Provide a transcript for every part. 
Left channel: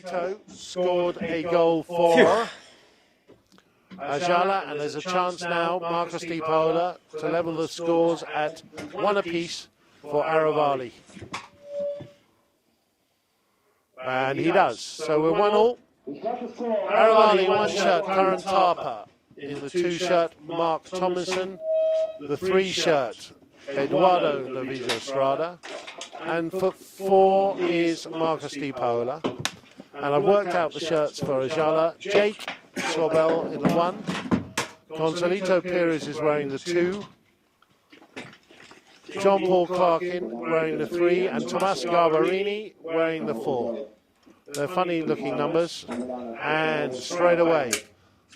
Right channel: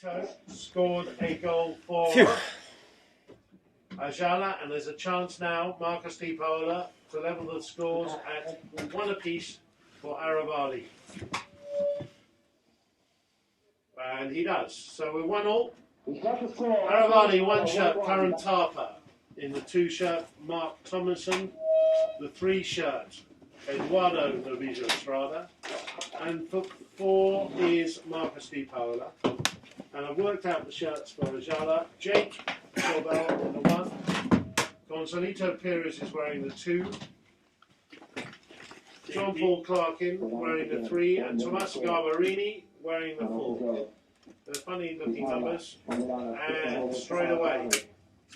Gonzalito scored a goal for Ayala, and there's a chance now, Marcus Di Paola, to level the scores at 1 apiece for Aravali. And he does. So we're 1-1. Aravali 1 shirt, Clarence Harper. In the 2 shirt, Mark Tomlinson. The 3 shirt, Eduardo Villa Estrada. And for 4 is Marcus Di Paola. And I've worked out the shirts for Ayala. Jake Corbell in the 1. Gonzalito Perez is wearing the 2. John Paul Clarkin wearing the 3. And Tomas Garbarini wearing the 4. They're funny looking numbers. And straight away,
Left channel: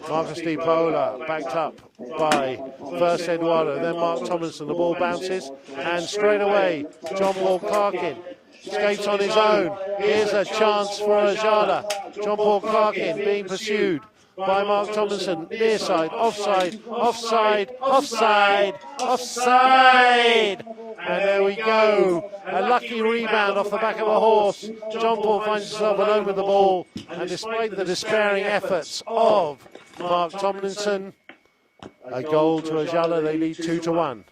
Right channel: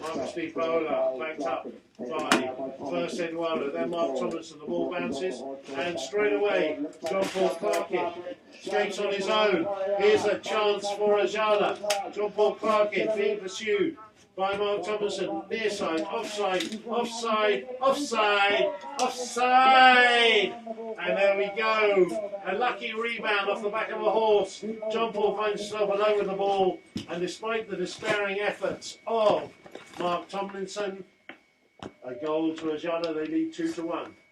Marcus Di Paola backed up by first Eduardo, then Mark Tomlinson. The ball bounces, and straight away, John Paul Clarkin takes on his own. Here's a chance for Ayala. John Paul Clarkin being pursued by Mark Tomlinson. Near side, offside, offside, offside, offside. And there we go. A lucky rebound off the back of a horse. John Paul finds himself alone with the ball. And despite the despairing efforts of Mark Tomlinson, a goal to Ayala, they lead 2-1.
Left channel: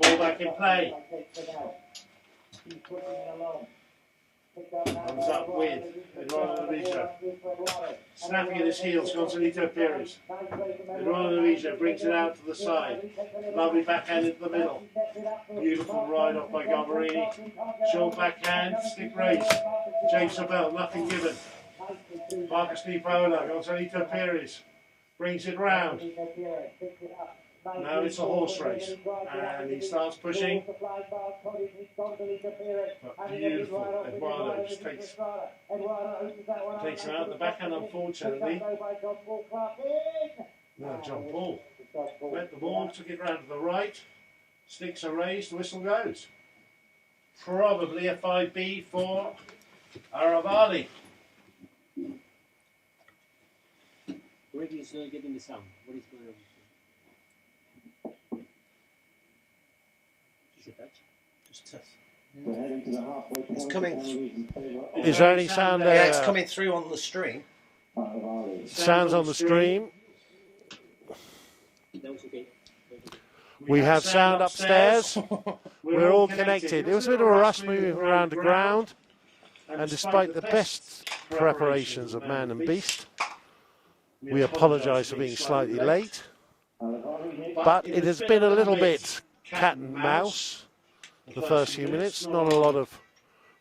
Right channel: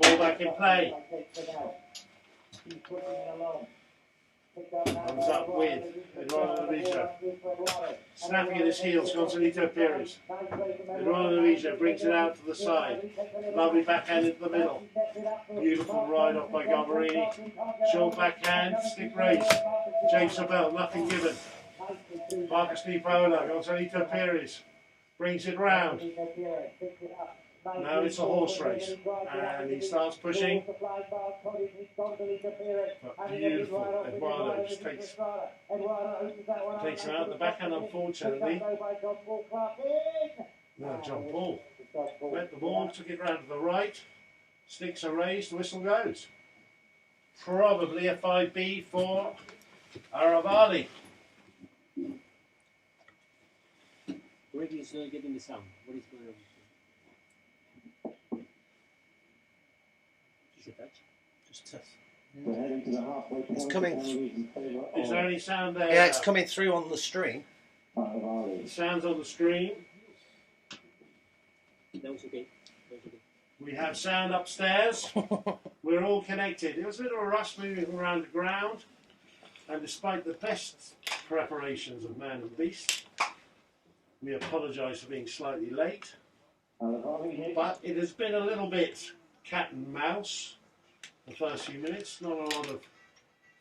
Ball back in play. Comes up with Eduardo Villa. Snapping at his heels, Gonzalito Perez. Eduardo Villa brings it out to the side. Lovely backhand into the middle. Beautiful ride off by Garbarini. Short backhand, stick raise. James Sobel, nothing given. Marcus Di Paola, Gonzalito Perez brings it round. Now it's a horse race, and he starts pushing. But beautiful, Eduardo just takes him out. The backhand, unfortunately. Now John Paul met the ball, took it round to the right. Sticks are raised, whistle goes. Probably a 5B for Aravali. Where is getting the sound? What is going on? It's coming. Is there any sound? Yeah, it's coming through on the stream. Sounds on the stream. That was okay. We have sound upstairs. We're all connected. There was a bit of a rush moving around the ground, and despite the best preparations of man and beast, we apologise for being slightly late. But it has been a little bit cat and mouse the first few minutes. Not a lot of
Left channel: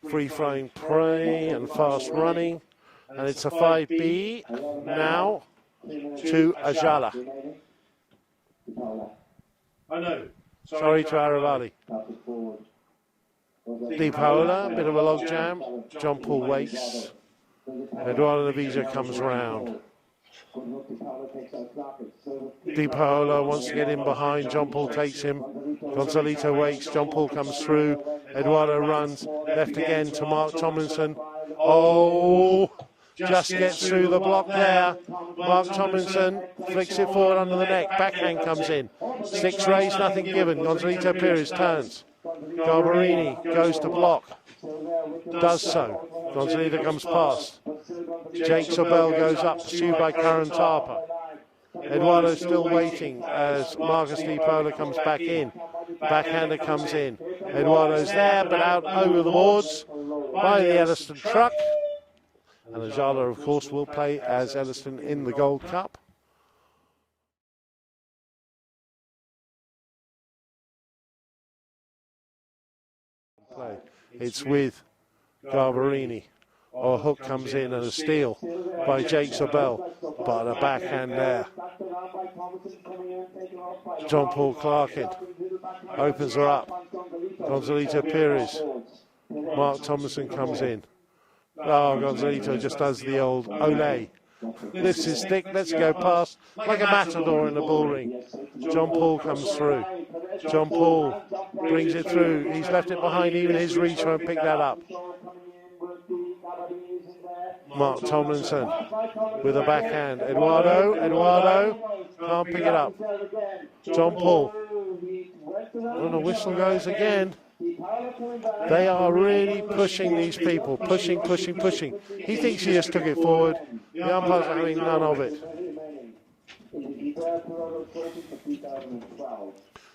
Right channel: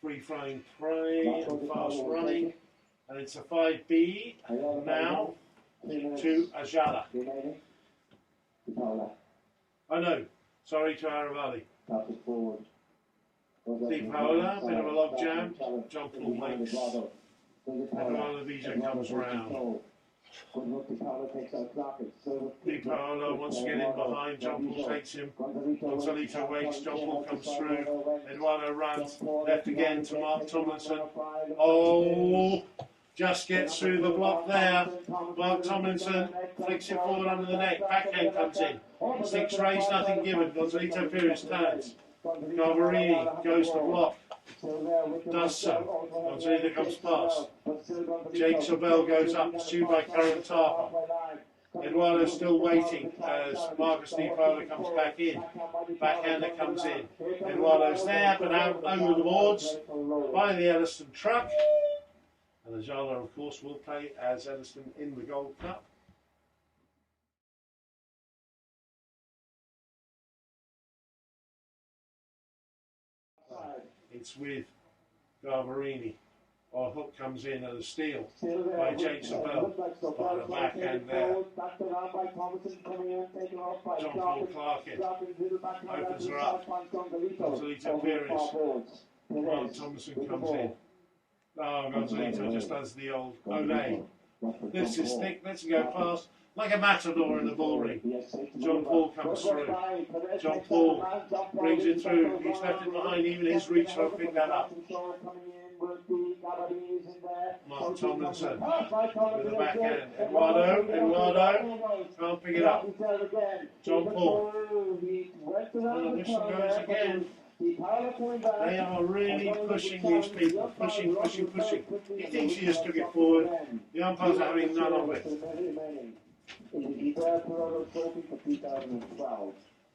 free-flowing prey and fast running. And it's a 5B now to Ayala. Oh no, sorry to Aravali. Di Paola, a bit of a log jam. John Paul waits. And Eduardo Villa comes round. Di Paola wants to get in behind, John Paul takes him, Gonzalito waits, John Paul comes through, Eduardo runs, left again to Mark Tomlinson. Oh, just gets through the block there. Mark Tomlinson flicks it forward on the neck, backhand comes in. Six raised, nothing given, Gonzalito Perez turns. Garbarini goes to block, does so. Gonzalito comes past. Jake Sobel goes up, pursued by Clarence Harper. Eduardo still waiting as Marcus Di Paola comes back in. Backhander comes in. Eduardo's there, but out over the boards by the Elliston truck. And Ayala, of course, will play as Elliston in the Gold Cup. It's with Garbarini. Or a hook comes in and a steal by Jake Sobel, but a backhand there. John Paul Clarkin opens her up. Gonzalito Perez. Mark Tomlinson comes in. Oh, Gonzalito just does the old ole Lifts his stick, let's go past, like a matador in the bull ring. John Paul comes through. John Paul brings it through. He's left it behind, even his ring won't pick that up. Mark Tomlinson with a backhand. Eduardo can't pick it up. John Paul. And the whistle goes again. They are really pushing these people. Pushing. He thinks he just took it forward. The umpire's having none of it.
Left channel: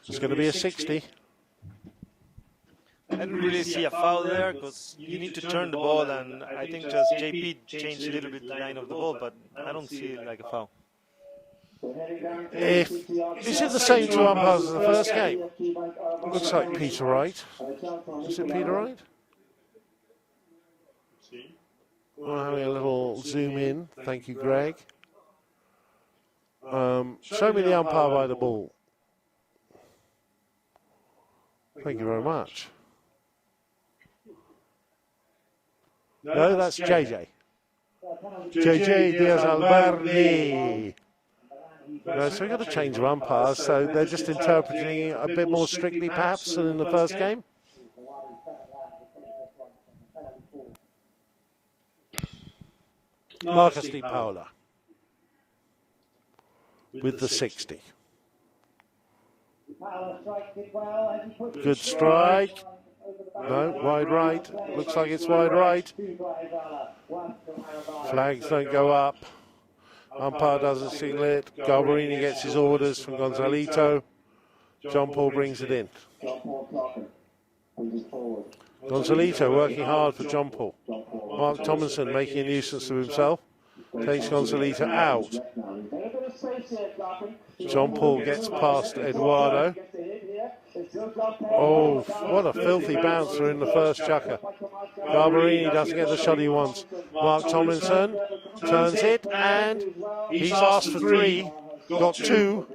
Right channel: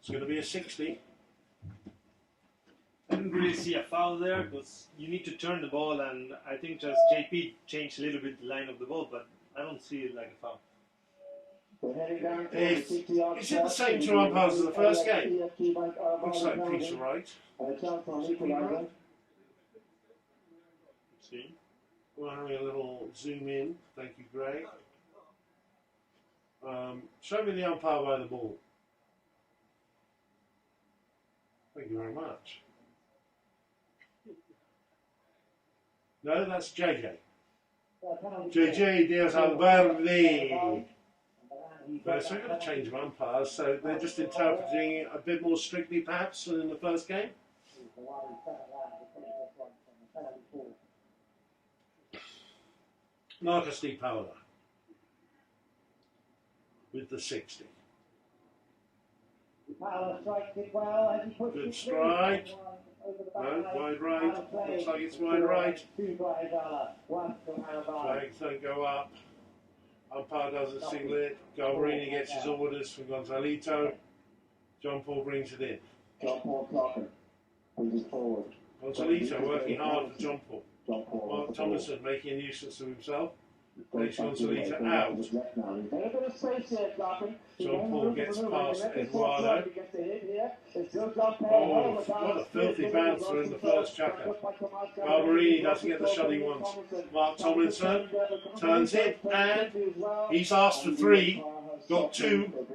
It's going to be a 60. I didn't really see a foul there because you need to turn the ball, and I think just JP changed a little bit the line of the ball, but I don't see it like a foul. If this is the same to umpires as the first game, looks like Peter Wright. Is it Peter Wright? We're having a little zoom in. Thank you, Greg. Show me the umpire by the ball. Thank you very much. No, that's JJ. JJ Diaz-Alberdi. So we've got to change of umpires, so they're just interpreting a bit more strictly perhaps than in the first game. Marcus Di Paola with the 60. Good strike. No, wide right. Looks like it's wide right. Flags don't go up. Umpire doesn't signal it. Galvarini gets his orders from Gonzalito. John Paul brings it in. Gonzalito working hard for John Paul. Mark Tomlinson making a nuisance of himself. Takes Gonzalito out. John Paul gets past Eduardo. Oh, what a filthy bouncer in the first chucker. Galvarini doesn't get the shot he wants. Mark Tomlinson turns it, and he's asked for 3, got 2.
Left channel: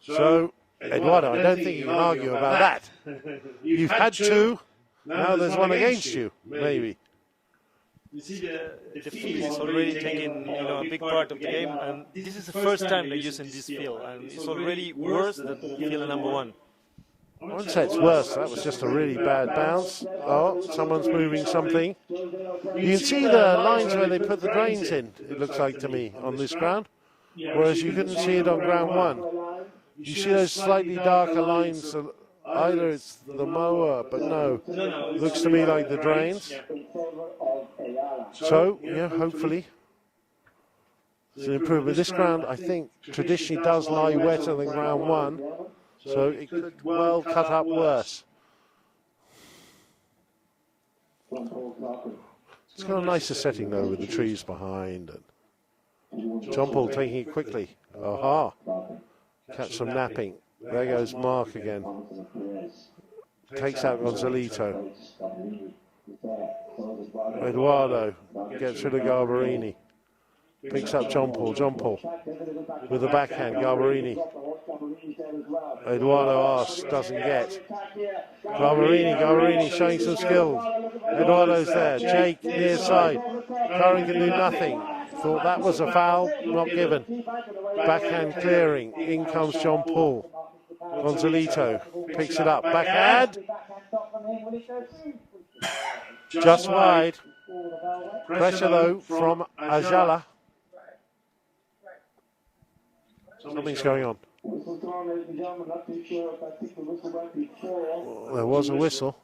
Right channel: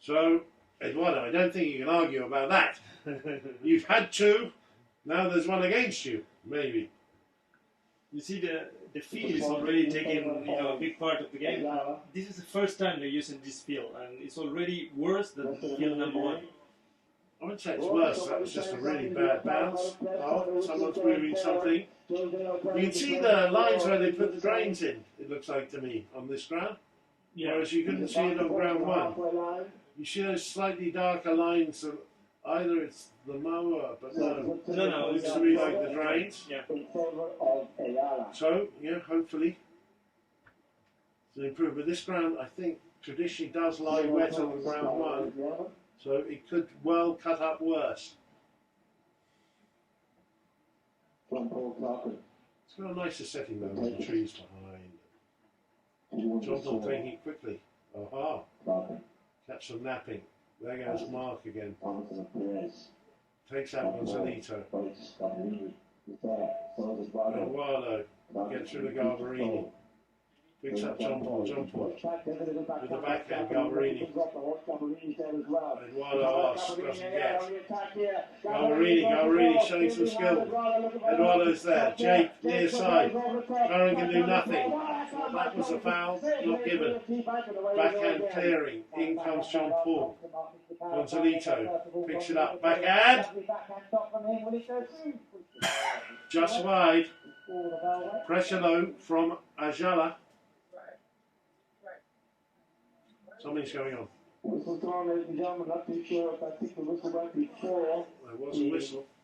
So, Eduardo, I don't think you can argue about that. You've had 2, now there's one against you, maybe. You see, the field is already taking a big part of the game, and this is the first time they're using this field, and it's already worse than field number 1. I wouldn't say it's worse, that was just a really bad bounce. Oh, someone's moving something. You can see the lines where they put the drains in, it looks like to me, on this ground, whereas you couldn't see it on ground 1. You see those slightly darker lines. Either it's the mower, but no. It looks to me like the drains. So, yeah, hopefully. It's an improvement. This ground, I think, traditionally does lie wetter than ground 1, so it could well cut up worse. It's got a nicer setting, though, with the trees behind. And John Paul taking it quickly. Aha. Catch some napping. There goes Mark again. Takes out Gonzalito. Eduardo gets rid of Galvarini. Picks up John Paul. John Paul with the backhand. Galvarini. Eduardo asks, doesn't get. Galvarini showing some skill. Eduardo's there. Jake near side. Trying to do nothing. Thought that was a foul. Not given. Backhand clearing. In comes John Paul. Gonzalito picks it up. Backhand. Just wide. Pressure though from Ayala. Something's going on. There was a whistle.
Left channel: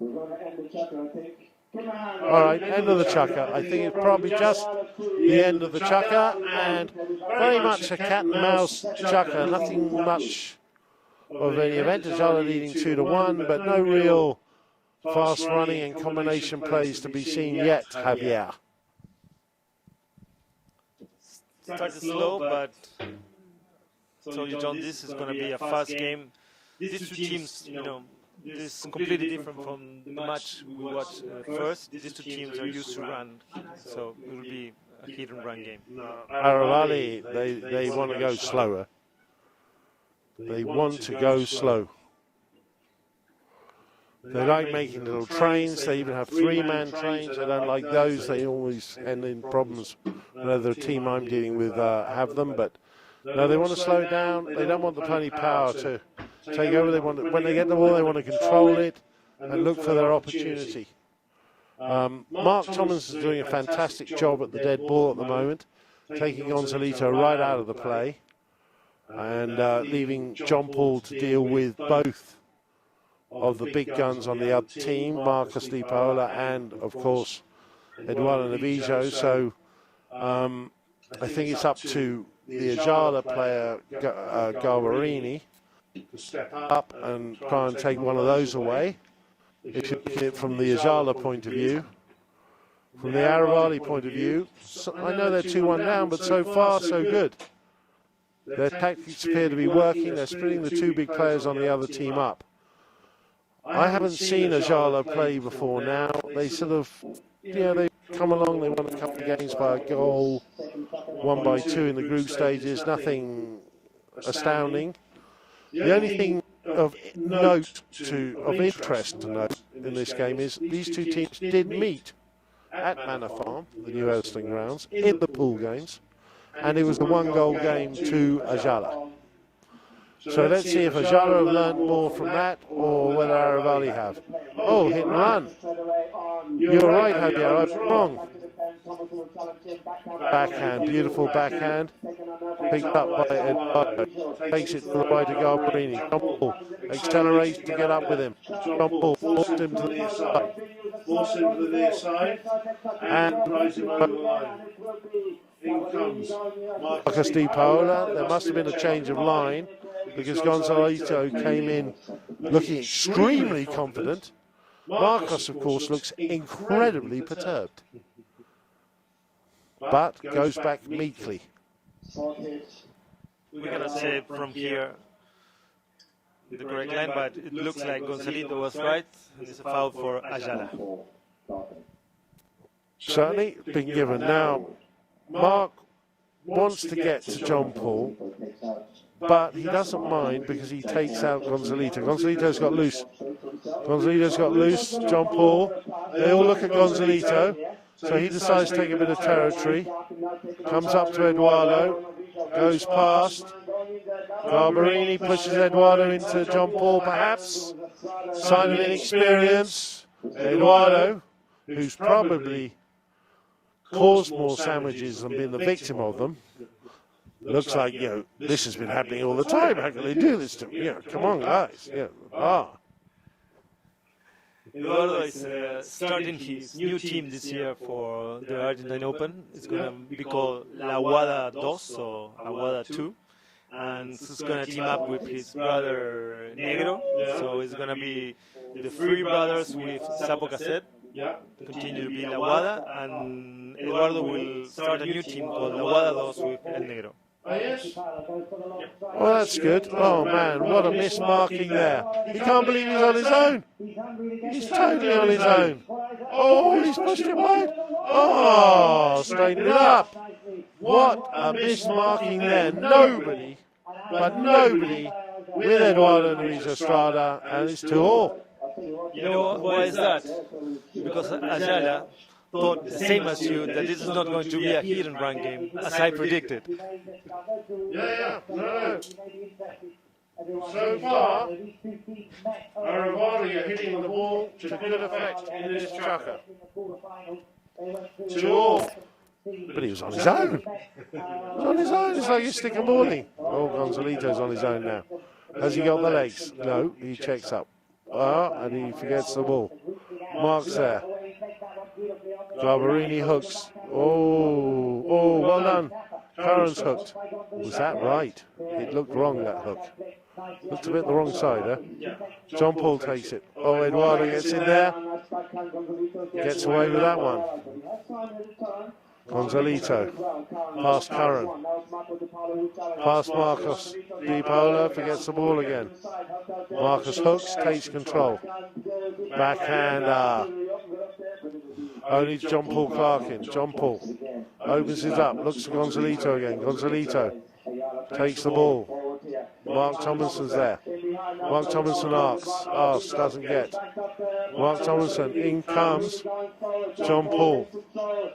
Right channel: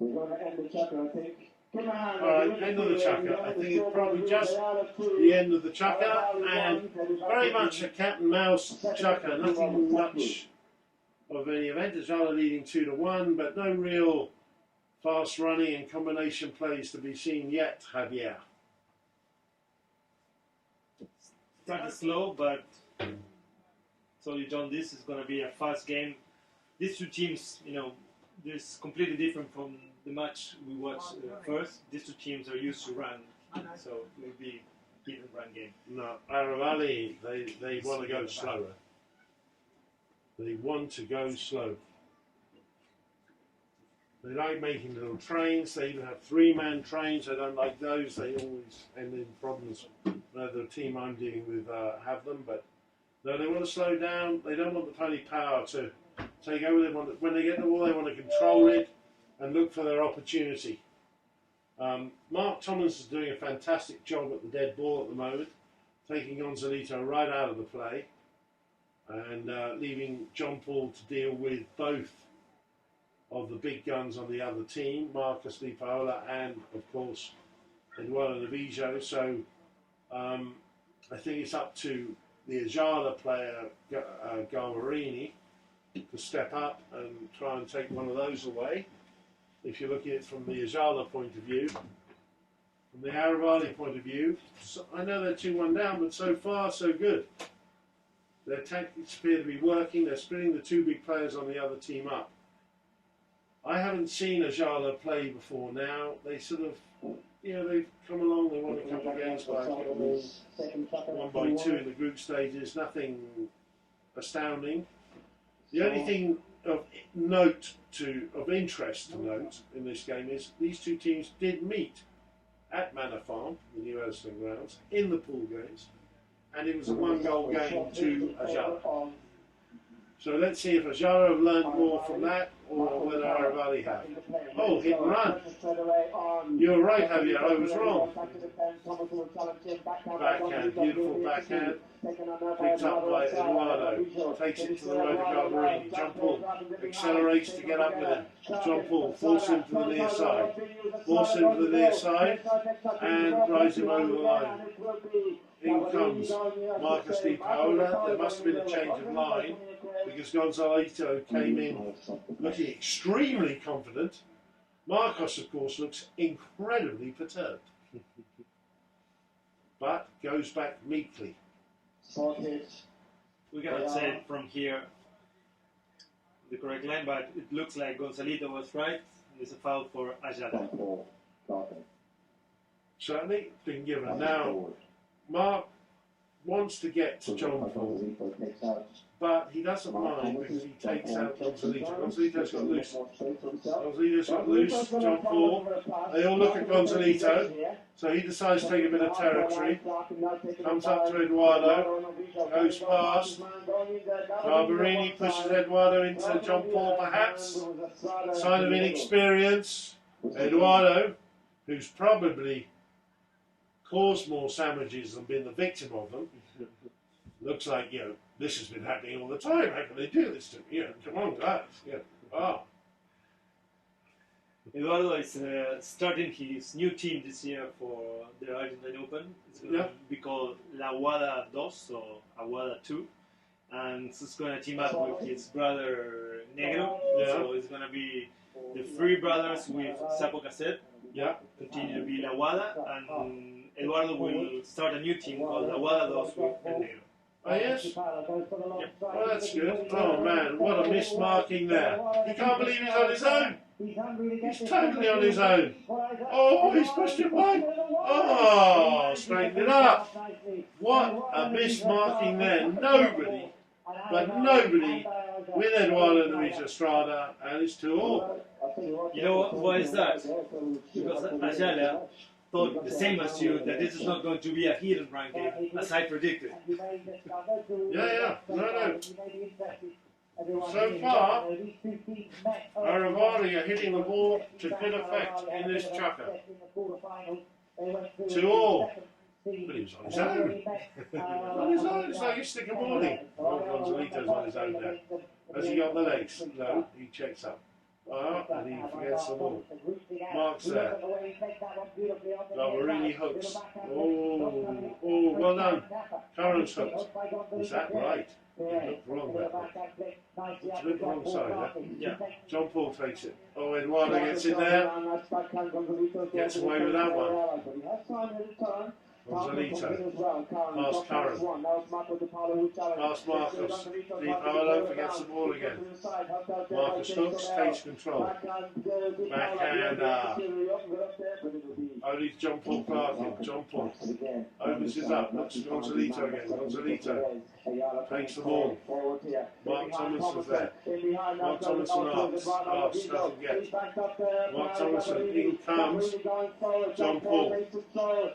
We're going to end the chucker, I think. Alright, end of the chucker. I think it's probably just the end of the chucker, and very much a cat and mouse chucker. Nothing much of any advantage other leading 2-1, but no real fast running and combination plays to be seen yet, Javier. Started slow, but so John, this is going to be a fast game. These two teams, this is completely different from the match we watched first. These two teams are used to run, so it will be a hit and run game. No, Aravali, they want to go slower. They want to go slow. They like making little trains. They even have three-man trains. I don't like those. They always end in problems. The team I'm dealing with have them, but no, they want to slow down. They don't want the pony power to take over. They want when they get the ball, they want to control it and look for their opportunity. Mark Thomas is doing a fantastic job at the dead ball at the moment, taking Gonzalito right out of the play and leaving John Paul to deal with both of the big guns on the other team, Marcus Di Paola and, of course, Eduardo Navijo. So I think it's up to the Ayala player, Galvarini, to step up and try and take one of those away. From the Ayala point of view. From the Aravali point of view, I know they're 2-1 down, but so far so good. Their tactics appear to be working. They're splitting the two big players on the other team up. I haven't seen Ayala play before now. They sort of, they come along, they won a couple of games by a goal, 1 by 2 in the group stages, nothing astounding. The only thing of note of interest to note in this game is these two teams did meet at Manor Farm, the new Elsling grounds, in the pool games, and it was a 1-goal game to Ayala. So let's see if Ayala learned more from that or whether Aravali have. Oh, hit and run. You're right, Ayala, I was wrong. Backhand, beautiful backhand. Picked up by Eduardo. Takes it right to Galvarini. John Paul accelerates to get up with him. John Paul forced him to the near side. Forced him to the near side and drives him over the line. In comes Marcus Di Paola. There must have been a change of line because Gonzalito came in looking extremely confident. Marcus, of course, looks incredibly perturbed, but goes back meekly. We cannot say from here the correct line, but it looks like Gonzalito was right. It's a foul for Ayala. Certainly been given now. Mark wants to get to John Paul, but he doesn't mind because he takes out Gonzalito. Gonzalito's got loose. Gonzalito's got loose. John Paul. They'll look at Gonzalito, so he decides to take a bit of territory. Comes up to Eduardo, goes past. Galvarini pushes Eduardo into John Paul, perhaps. Sign of experience. Eduardo, who's probably caused more sandwiches than been the victim of them. Looks like, this has been happening all the time. How can they do this to me? Come on, guys. Eduardo is starting his new team this year for the Argentine Open. It's going to be called La Aguada 2 or Aguada 2. And he's going to team up with his brother Negro. So it's going to be the three brothers with Sapo Cassette. Continue to be Aguada, and Eduardo will start a new team called Aguada 2 with El Negro. Oh, yes? Oh, that's good. Oh, man, what a mismarking there. He can't believe he's on his own. He's totally on his own. Oh, he's pushed it wide. Oh, straighten it up. What a mismarking there. Nobody, but nobody, with Eduardo Luis Estrada, and it's 2-all. You know why is that? Because Ayala thought the same as you, that this is not going to be a hit and run game, as I predicted. No. So far, Aravali are hitting the ball to good effect in this chucker. 2-all. But he was on his own. On his own, it's like you stick a ball in. Oh, Gonzalito's on his own now. Has he got the legs? No, he checks up. And he forgets the ball. Mark's there. Galvarini hooks. Oh, well done. Curran's hooked. Was that right? It looked wrong, that hook. Looked a bit the wrong side, John Paul takes it. Oh, Eduardo gets in there. Gets away with that one. Gonzalito, past Curran, past Marcus Di Paola, forgets the ball again. Marcus hooks, takes control. Backhand, only John Paul Clarkin. John Paul opens it up, looks at Gonzalito again. Gonzalito takes the ball. Mark Thompson's there. Mark Tomlinson asks, doesn't get. Mark Tomlinson, in comes John Paul.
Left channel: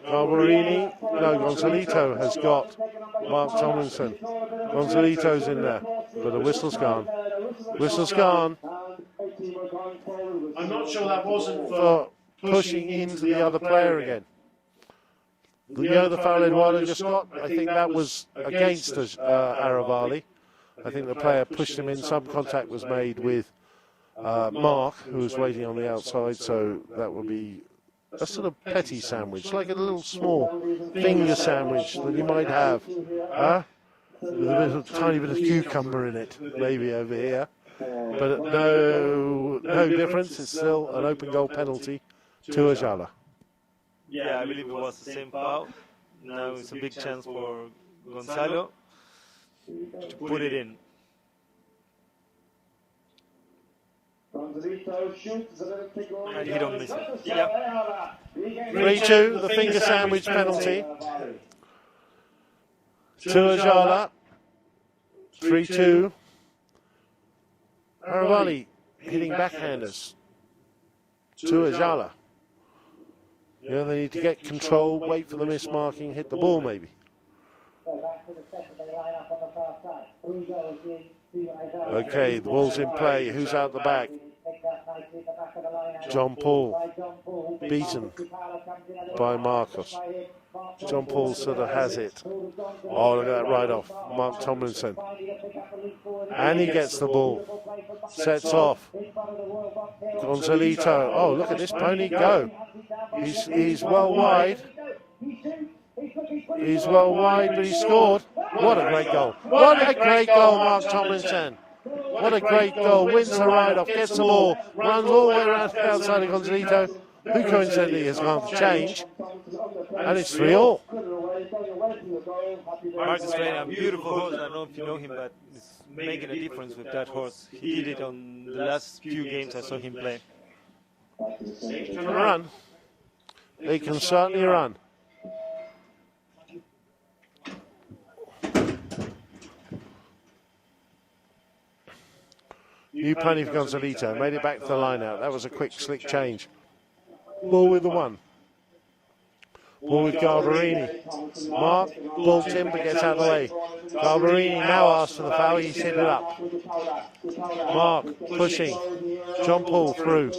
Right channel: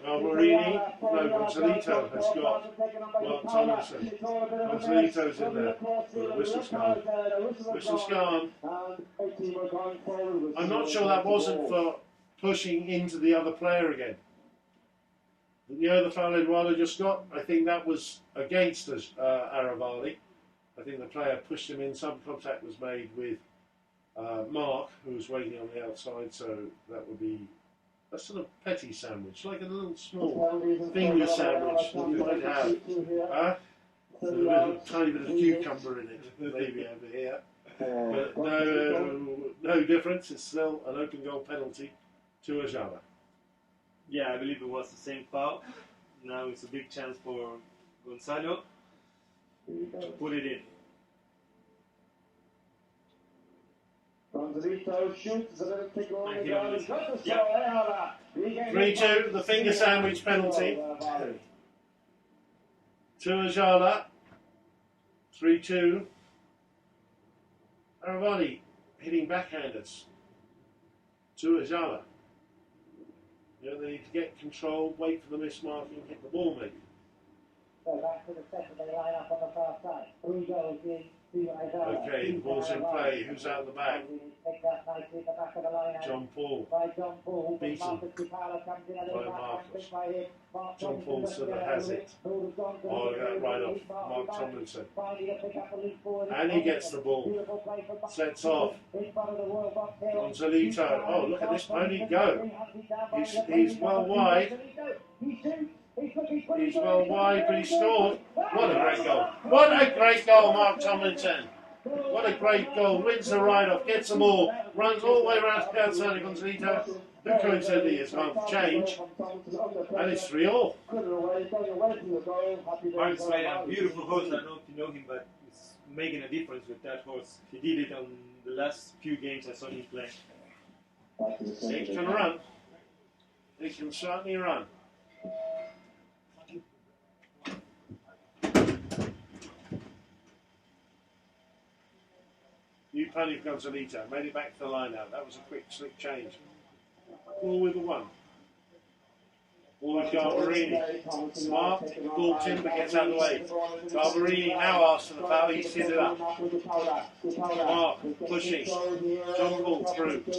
Alvarini, no, Gonzalito has got Mark Tomlinson. Gonzalito's in there, but the whistle's gone. Whistle's gone. I'm not sure that wasn't for Pushing into the other player again. The other foul Ayala just got, I think that was against Aravali. I think the player pushed him in. Some contact was made with Mark, who was waiting on the outside, so that would be a sort of petty sandwich, like a little small finger sandwich that you might have. With a little tiny bit of cucumber in it, maybe over here. But no difference. It's still an open goal penalty to Ayala. Yeah, I believe it was the same foul. Now it's a big chance for Gonzalo to put it in. Gonzalito shoots a little kick over the goal. Yeah. 3-2, the finger sandwich penalty to Ayala. 3-2. Aravali hitting backhanders to Ayala. Yeah, they need to get control, wait for the mismarking, hit the ball maybe. Okay, the ball's in play. Who's out the back? John Paul, beaten by Marcus. John Paul sort of has it. Oh, look at that right off. Mark Tomlinson. And he gets the ball. Sets off. Gonzalito. Oh, look at this pony go. He's well wide. He's well wide, but he scored. What a great goal. What a great goal, Mark Tomlinson. What a great goal. Wins the ride-off, gets the ball, runs all the way around the outside of Gonzalito, who coincidentally has not changed. And it's 3-all. Mark's made a beautiful goal. I don't know if you know him, but he's making a difference with that horse. He did it on the last few games I saw him play. They can run. They can certainly run. New penny for Gonzalito, made it back to the line out. That was a quick, slick change. Ball with the one. Ball with Galvarini. Mark, ball to him, gets out of the way. Galvarini now asks for the foul, he's hit it up. Mark, pushing. John Paul through.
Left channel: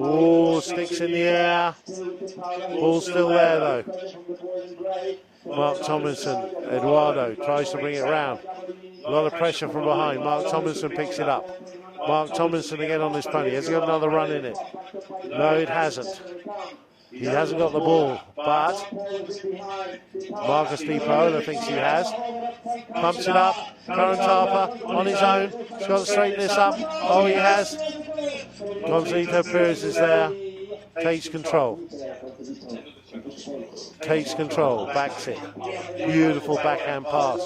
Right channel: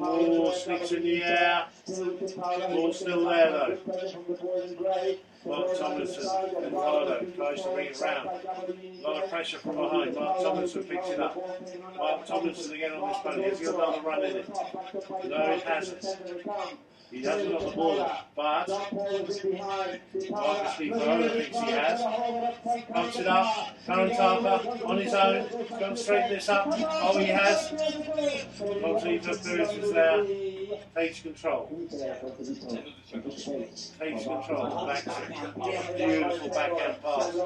Oh, sticks in the air. Ball's still there though. Mark Tomlinson, Eduardo tries to bring it round. A lot of pressure from behind. Mark Tomlinson picks it up. Mark Tomlinson again on this pony. Has he got another run in it? No, it hasn't. He hasn't got the ball, but Marcus Pipola thinks he has. Pumps it up. Current Harper on his own. He's got to straighten this up. Oh, he has. Gonzalito Perez is there. Takes control. Takes control. Backs it. Beautiful backhand pass.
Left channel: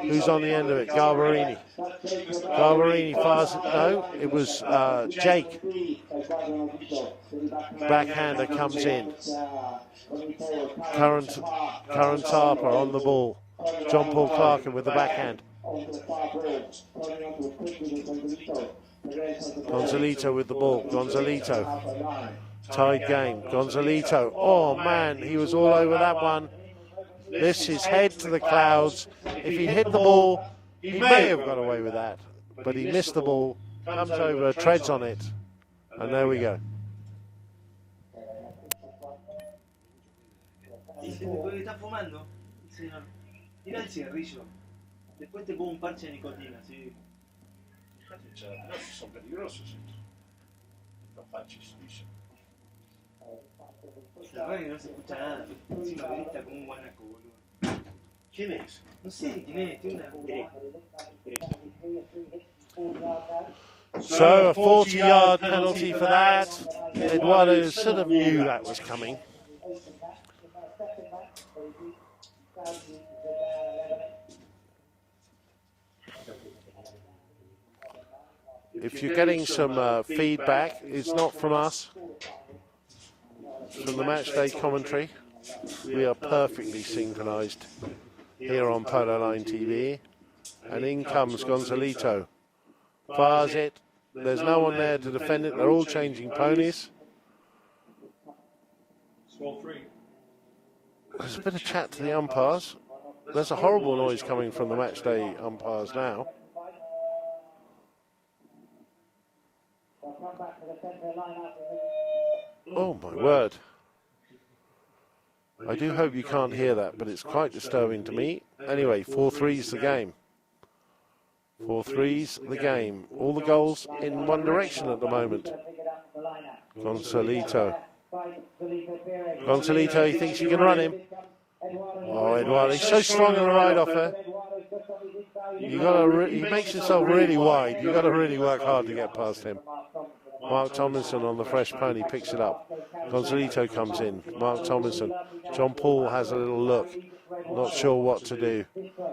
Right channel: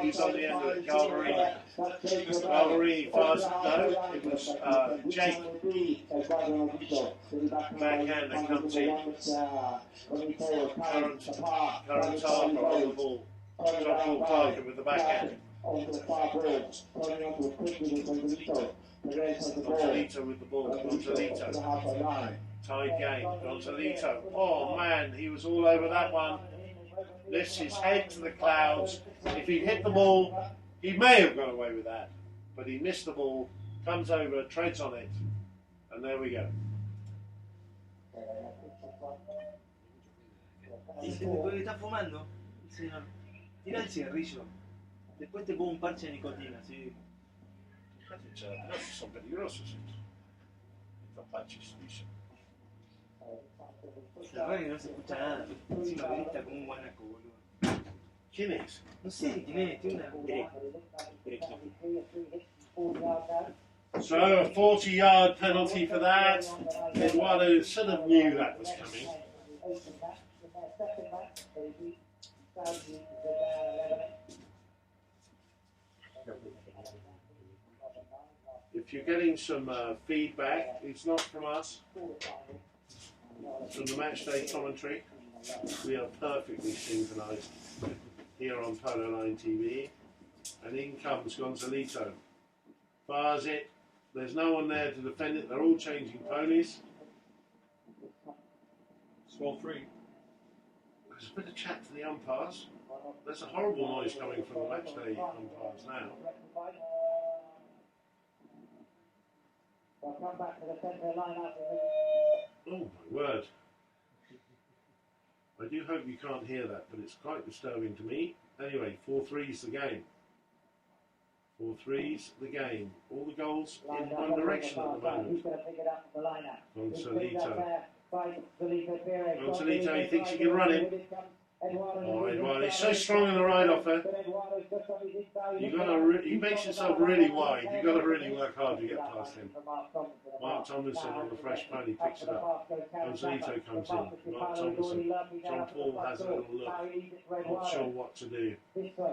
Who's on the end of it? Galvarini. Galvarini fires it. No, it was Jake. Backhander comes in. Current Harper on the ball. John Paul Clarkin with the backhand. Gonzalito with the ball. Gonzalito. Tied game. Gonzalito. Oh man, he was all over that one. Lifts his head to the clouds. If he hit the ball, he may have got away with that. But he missed the ball, comes over, treads on it. And there we go. ¿Estás fumando? Señor. Tira el cigarrillo. Después te pongo un parche de nicotina, ¿sí? Sono peligrosos. Los parches, dice. La verdad que no se escucha nada. Encima grita como un guanaco, boludo. ¿Quién es? No sé quién es, tiene una... So a 40-yard penalty for that. Eduardo sort of knew that was coming. If you're getting some feedback, it's not from us. From the match day commentary, we are perfectly synchronised here on Polo Line TV. And in comes Gonzalito. fires it. There's no one there to defend it. They're all changing ponies. It's 4-3. There's a bit of chat to the umpires. There's a horrible noise coming from the match day umpires now. Oh my word. I do hope you can't hear that, but it's quite disturbing to me. Anyway, 4-3's the game. 4-3's the game. All the goals in one direction at the moment. Gonzalito. Gonzalito, he thinks he can run him. Oh, Eduardo, he's so strong and right off there. He makes himself really wide. You've got to really work hard to get past him. Mark Tomlinson on the fresh pony picks it up. Gonzalito comes in. Mark Tomlinson. John Paul has a little look. Not sure what to do.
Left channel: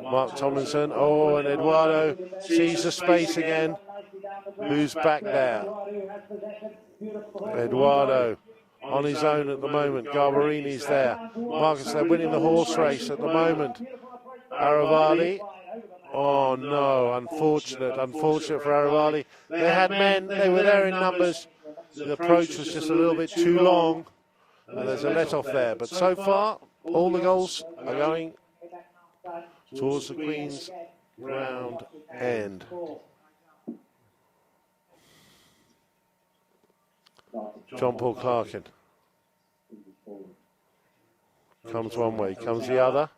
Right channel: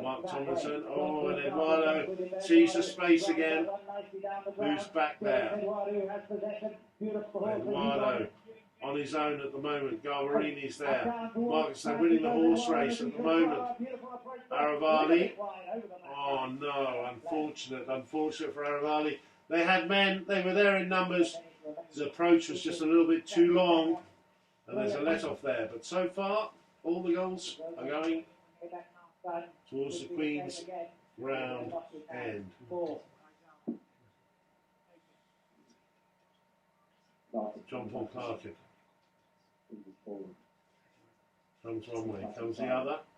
Mark Tomlinson. Oh, and Eduardo sees the space again. Who's back there? Eduardo. On his own at the moment. Garbarini's there. Marcus, they're winning the horse race at the moment. Aravali. Oh no, unfortunate for Aravali. They had men, they were there in numbers. The approach was just a little bit too long. And there's a let off there. But so far, all the goals are going towards the Queen's round end. John Paul Clarkin comes one way, comes the other.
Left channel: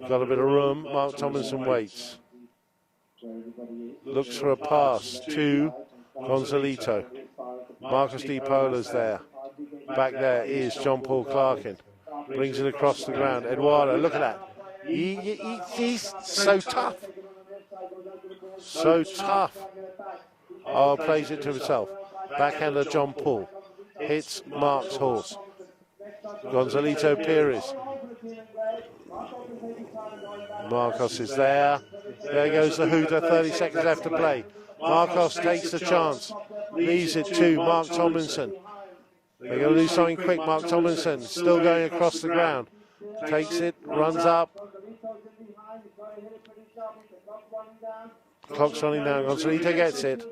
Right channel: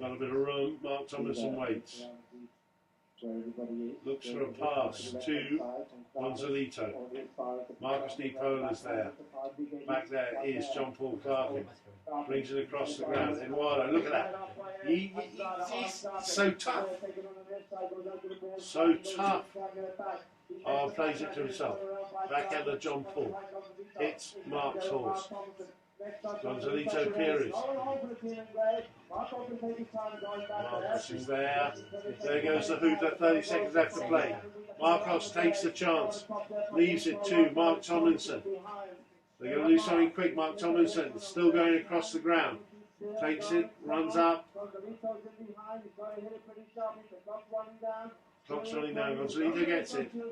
Got a bit of room. Mark Tomlinson waits. Looks for a pass to Gonzalito. Marcus Di Pola's there. Back there is John Paul Clarkin. Brings it across the ground. Eduardo, look at that. He's so tough. So tough. Oh, plays it to himself. Backhander John Paul. Hits Mark's horse. Gonzalito Pires. Marcos is there. There goes the hooter. 30 seconds left to play. Marcos takes the chance. Leaves it to Mark Tomlinson. They're going to do something quick. Mark Tomlinson still going across the ground. Takes it, runs up. Clock's running down. Gonzalito gets it.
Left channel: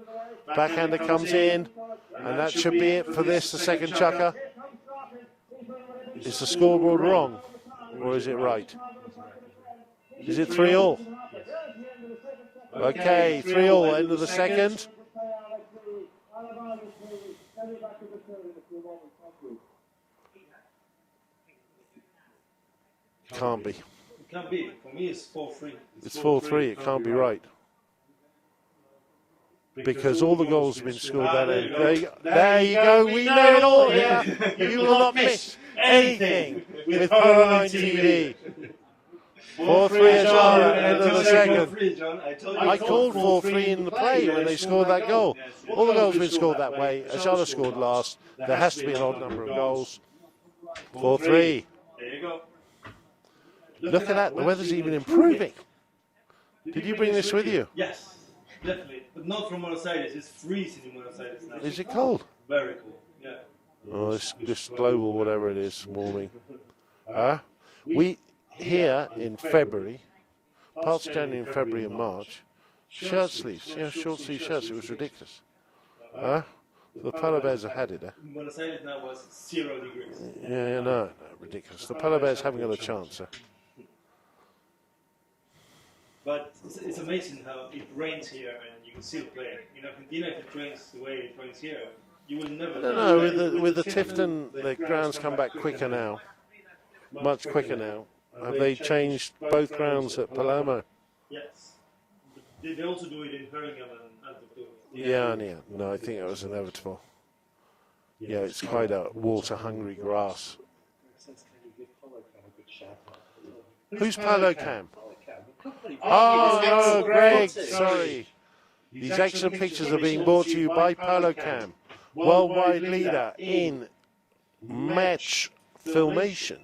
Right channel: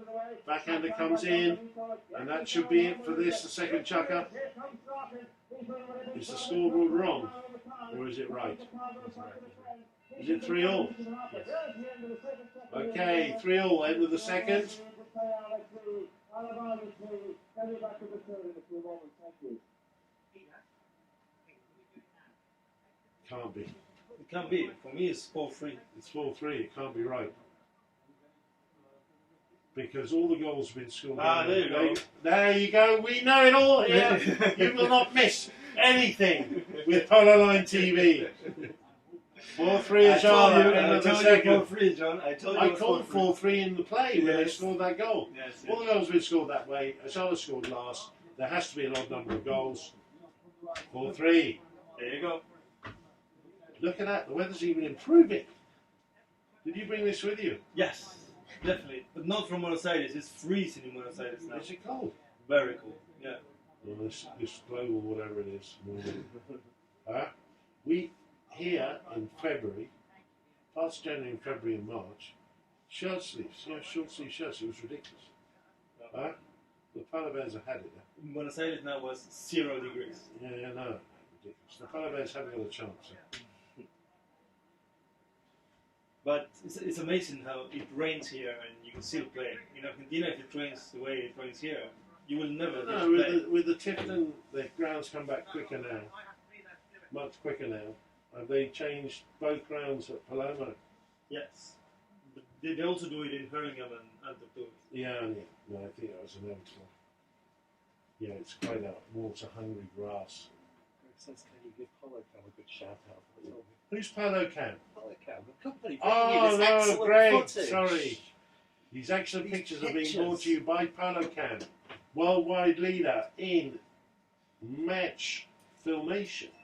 Backhander comes in. And that should be it for this, the second chukker. Is the scoreboard wrong? Or is it right? Is it 3-all? Okay, 3-all, end of the second. Can't be. It can't be. For me, it's 4-3. It's 4-3, it can't be right. Because all the goals have been scored. There you go, we know it all here. You will not miss anything with Polo Line TV. 4-3 John. I called 4-3 in the play when they scored that goal. All the goals have been scored that way. Ayala scored last. There has to be a whole number of goals. 4-3. There you go. Look at that, the weather's even improving. Did you bring this with you? Yes, definitely. But not from Buenos Aires. It's freezing in Buenos Aires now. Is it cold? Very cool, yeah. Oh, it's just global, whatever it is, warming. We, here in February, past January and February and March, shirt sleeves, short sleeve shirts, it was ridiculous. The Polo Bears have had it. In Buenos Aires now was 0 degrees. Yeah, no, ridiculous. The Polo Bears haven't got a chance. But it's amazing how it rains here and you can still play. In Argentina, if it rains the way it rains here, you will never. No, with the Tifton, the grounds come back quicker now. Much quicker now. Have they changed both grounds at Palermo? Yes. But they also do it in Hurlingham and Antwerp. Yeah. No, I think it was inevitable. Yeah, it's quite a water-hungry grass. Who's Polo Cam? Oh, no, Greg, sorry. These excellent pictures are being brought to you by Polo Cam, worldwide leader in match filmation.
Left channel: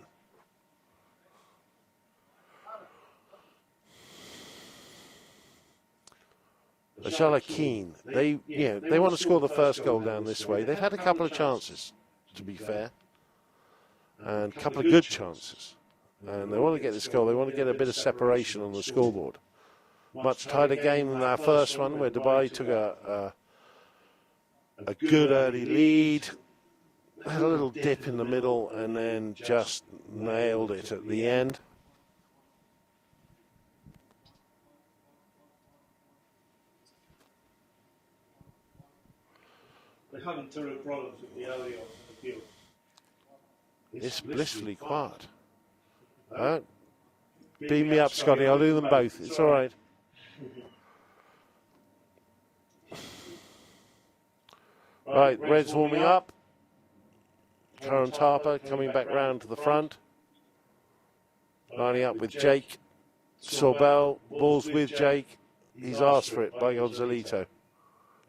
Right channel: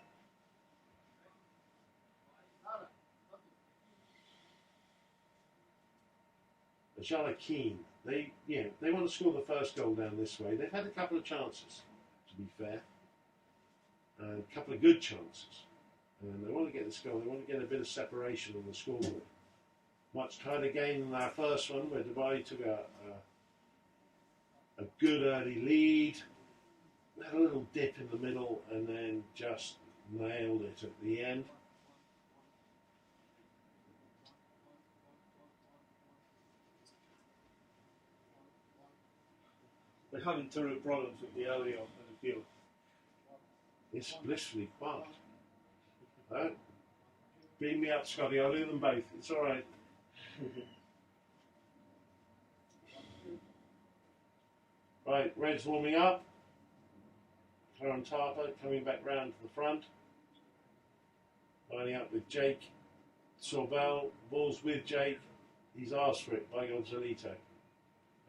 Ayala keen. They want to score the first goal down this way. They've had a couple of chances, to be fair, and a couple of good chances. And they want to get this goal. They want to get a bit of separation on the scoreboard. much tighter game than our first one, where Dubai took a good early lead, had a little dip in the middle, and then just nailed it at the end. They have internal problems with the audio on the field. It's blissfully quiet. Beam me up, Scotty. I'll do them both. It's all right. Right, Red's warming up. Karen Tarper coming back round to the front. Lining up with Jake. Sorbel, balls with Jake. He's asked for it by Gonzalito.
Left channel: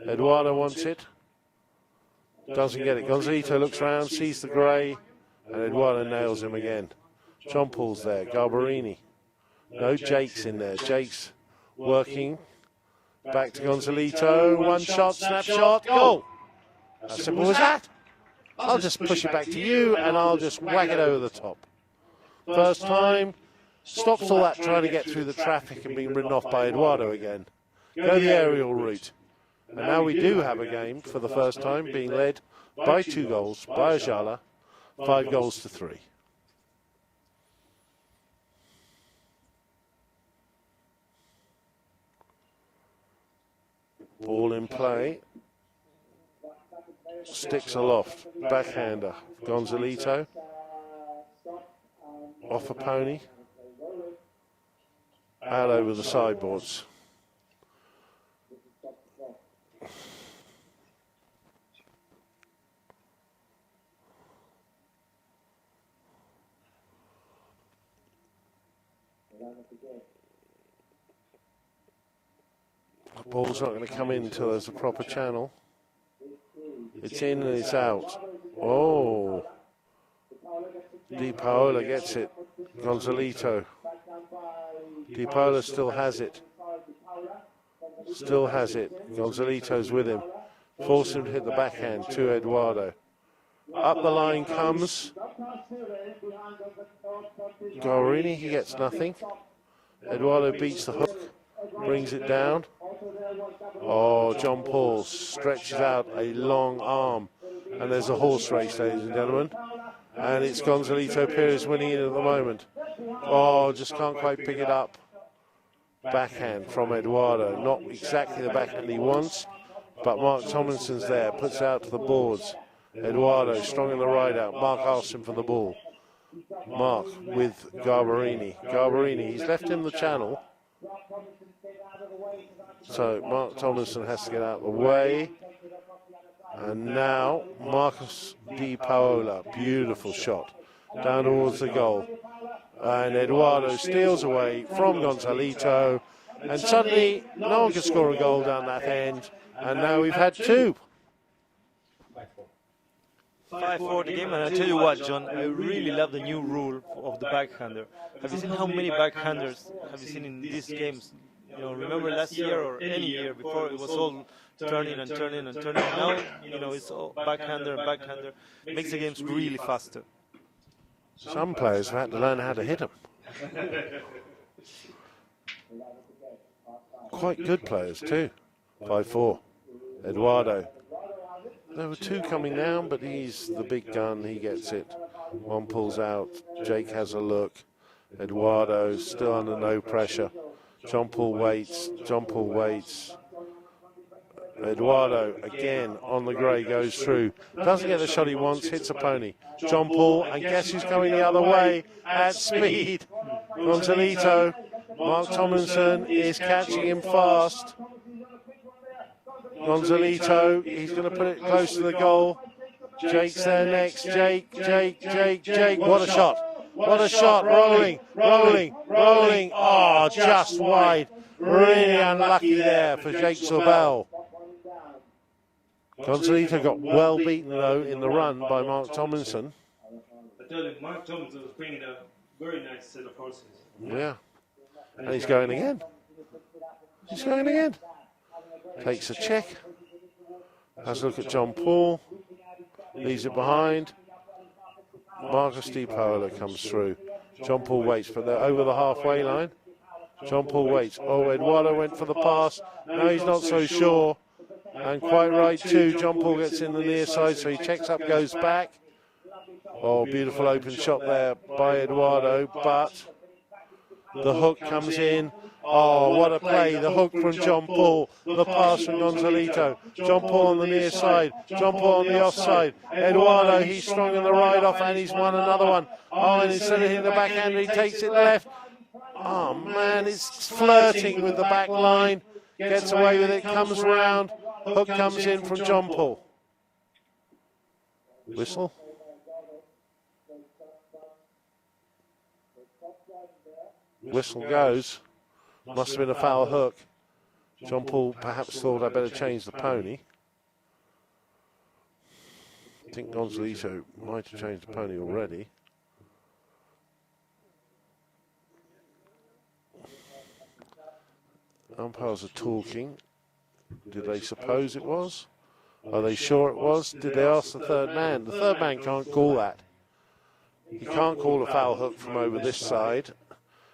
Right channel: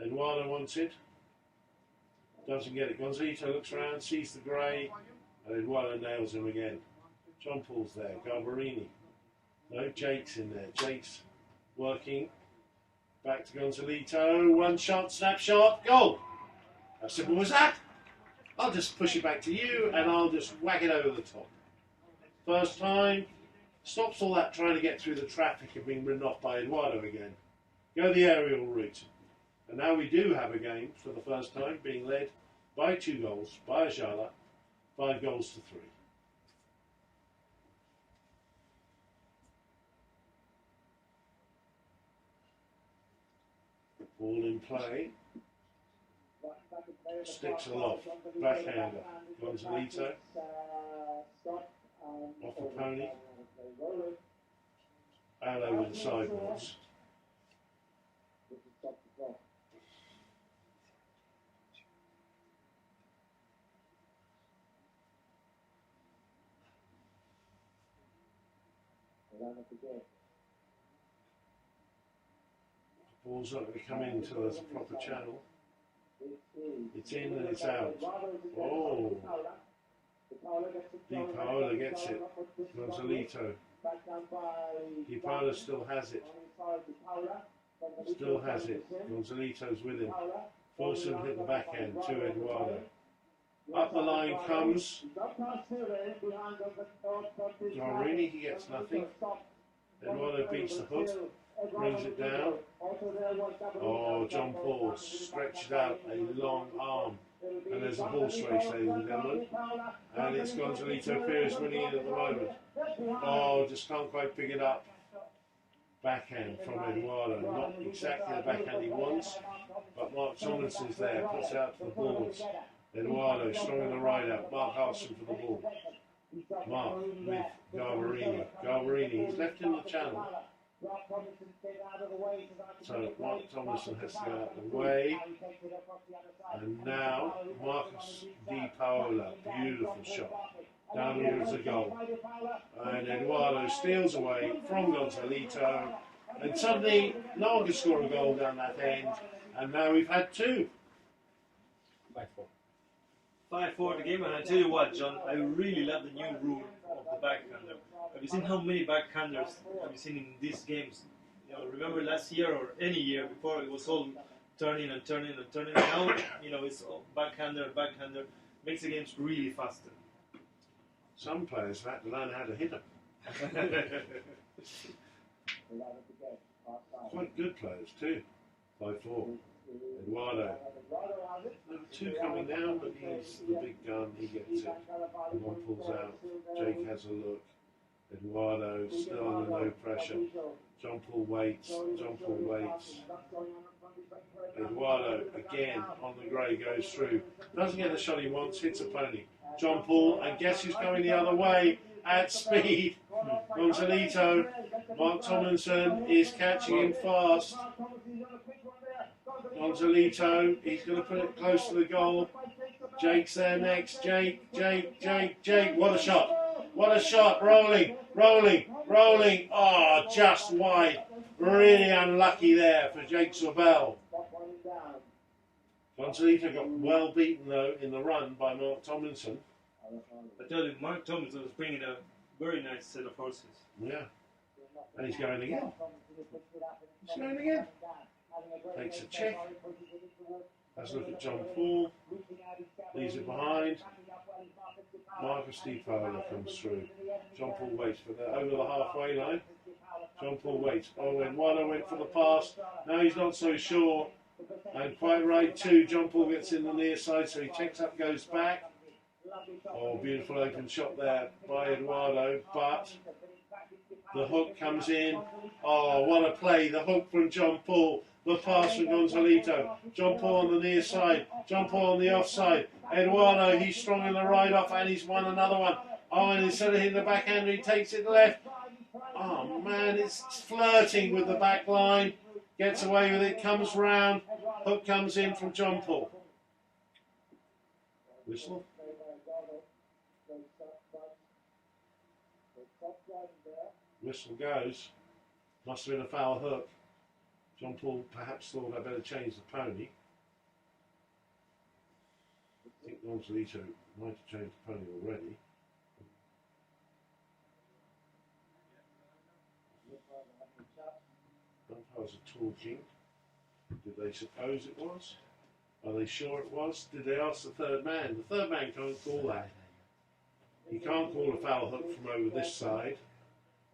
Eduardo wants it. Doesn't get it. Gonzalito looks round, sees the grey, and Eduardo nails him again. John Paul's there. Garbarini. No, Jake's in there. Jake's working. Back to Gonzalito. One shot, snapshot, goal. As simple as that. I'll just push it back to you, and I'll just whack it over the top. First time. Stops all that trying to get through the traffic and being ridden off by Eduardo again. Go the aerial route. And now we do have a game for the first time being led by 2 goals by Ayala, 5 goals to 3. Ball in play. Sticks aloft. Backhander. Gonzalito. Off a pony. Out over the sideboards. The ball's not going to come in until there's a proper channel. It's in and it's out. Oh. Di Paola gets it. Gonzalito. Di Paola still has it. Still has it. Gonzalito's with him. Force him to hit the backhand to Eduardo. Up the line comes Gorini. He gets nothing. Eduardo beats the hook. Brings it down. Oh, John Paul stretches out a long arm. And there's a horse race, ladies and gentlemen. And it's Gonzalito Perez winning it at the moment. Oh, just can't quite pick it up. Backhand from Eduardo. Not exactly the backhand he wants, but Mark Tomlinson's there. Puts it out to the boards. Eduardo strong in the ride out. Mark asks him for the ball. Mark with Garbarini. Garbarini, he's left in the channel. So Mark Tomlinson has to get out of the way. And now Marcus Di Paola, beautiful shot, down towards the goal. And Eduardo steals away from Gonzalito. And suddenly, no one can score a goal down that end. And now we've had 2. 5-4 game, and I tell you what, John, I really love the new rule of the backhander. I've seen how many backhanders I've seen in these games. Remember last year or any year before, it was all turning and turning and turning. Now, it's all backhander. Makes the games really faster. Some players have had to learn how to hit them. Quite good players too. 5-4. Eduardo. There were 2 coming down, but he's the big gun. He gets it. One pulls out. Jake has a look. Eduardo still under no pressure. John Paul waits. Eduardo again on the grey goes through. Doesn't get the shot he wants. Hits a pony. John Paul, and guess who's coming the other way at speed? Gonzalito. Mark Tomlinson is catching him fast. Gonzalito, he's going to put it close to the goal. Jake's there next. Jake. What a shot. What a shot. Rolling. Oh, just wide. Really unlucky there for Jake Sorbel. Gonzalito got well beaten, though, in the run by Mark Tomlinson. I tell you, Mark Tomlinson was bringing a very nice set of horses. Yeah. And he's going again. Takes a check. Has a look at John Paul. Leaves it behind. Marcus Di Paola comes through. John Paul waits, but they're over the halfway line. John Paul waits. Oh, Eduardo went for the pass. No, he's not so sure. And quite right too. John Paul gets in the near side, so he checks up, goes back. Oh, beautiful open shot there by Eduardo, but the hook comes in. Oh, what a play. The hook from John Paul. The pass from Gonzalito. John Paul on the near side. John Paul on the offside. Eduardo, he's strong on the right off and he's won another one. Oh, instead of hitting the backhand, he takes it left. Oh, man, it's flirting with the back line. Gets away with it, comes round. Hook comes in from John Paul. Whistle. Whistle goes. Must have been a foul hook. John Paul perhaps thought I better change the pony. I think Gonzalito might have changed the pony already. Umpires are talking. Did they suppose it was? Are they sure it was? Did they ask the third man? The third man can't call that. He can't call a foul hook from over this side.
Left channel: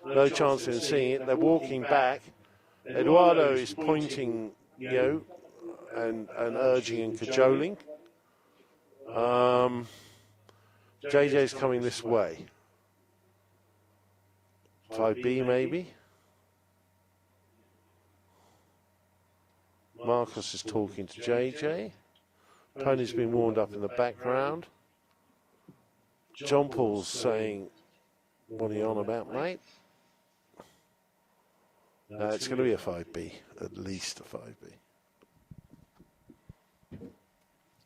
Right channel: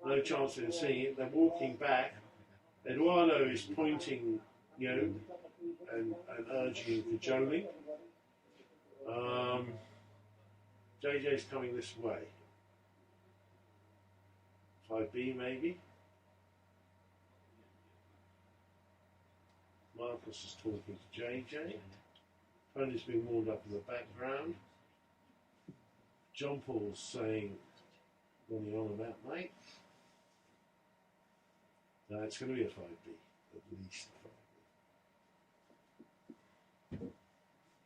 No chance in seeing it. They're walking back. Eduardo is pointing, and urging and cajoling. JJ's coming this way. 5B maybe. Marcus is talking to JJ. Pony's been warmed up in the background. John Paul's saying, what are you on about, mate? It's going to be a 5B, at least a 5B.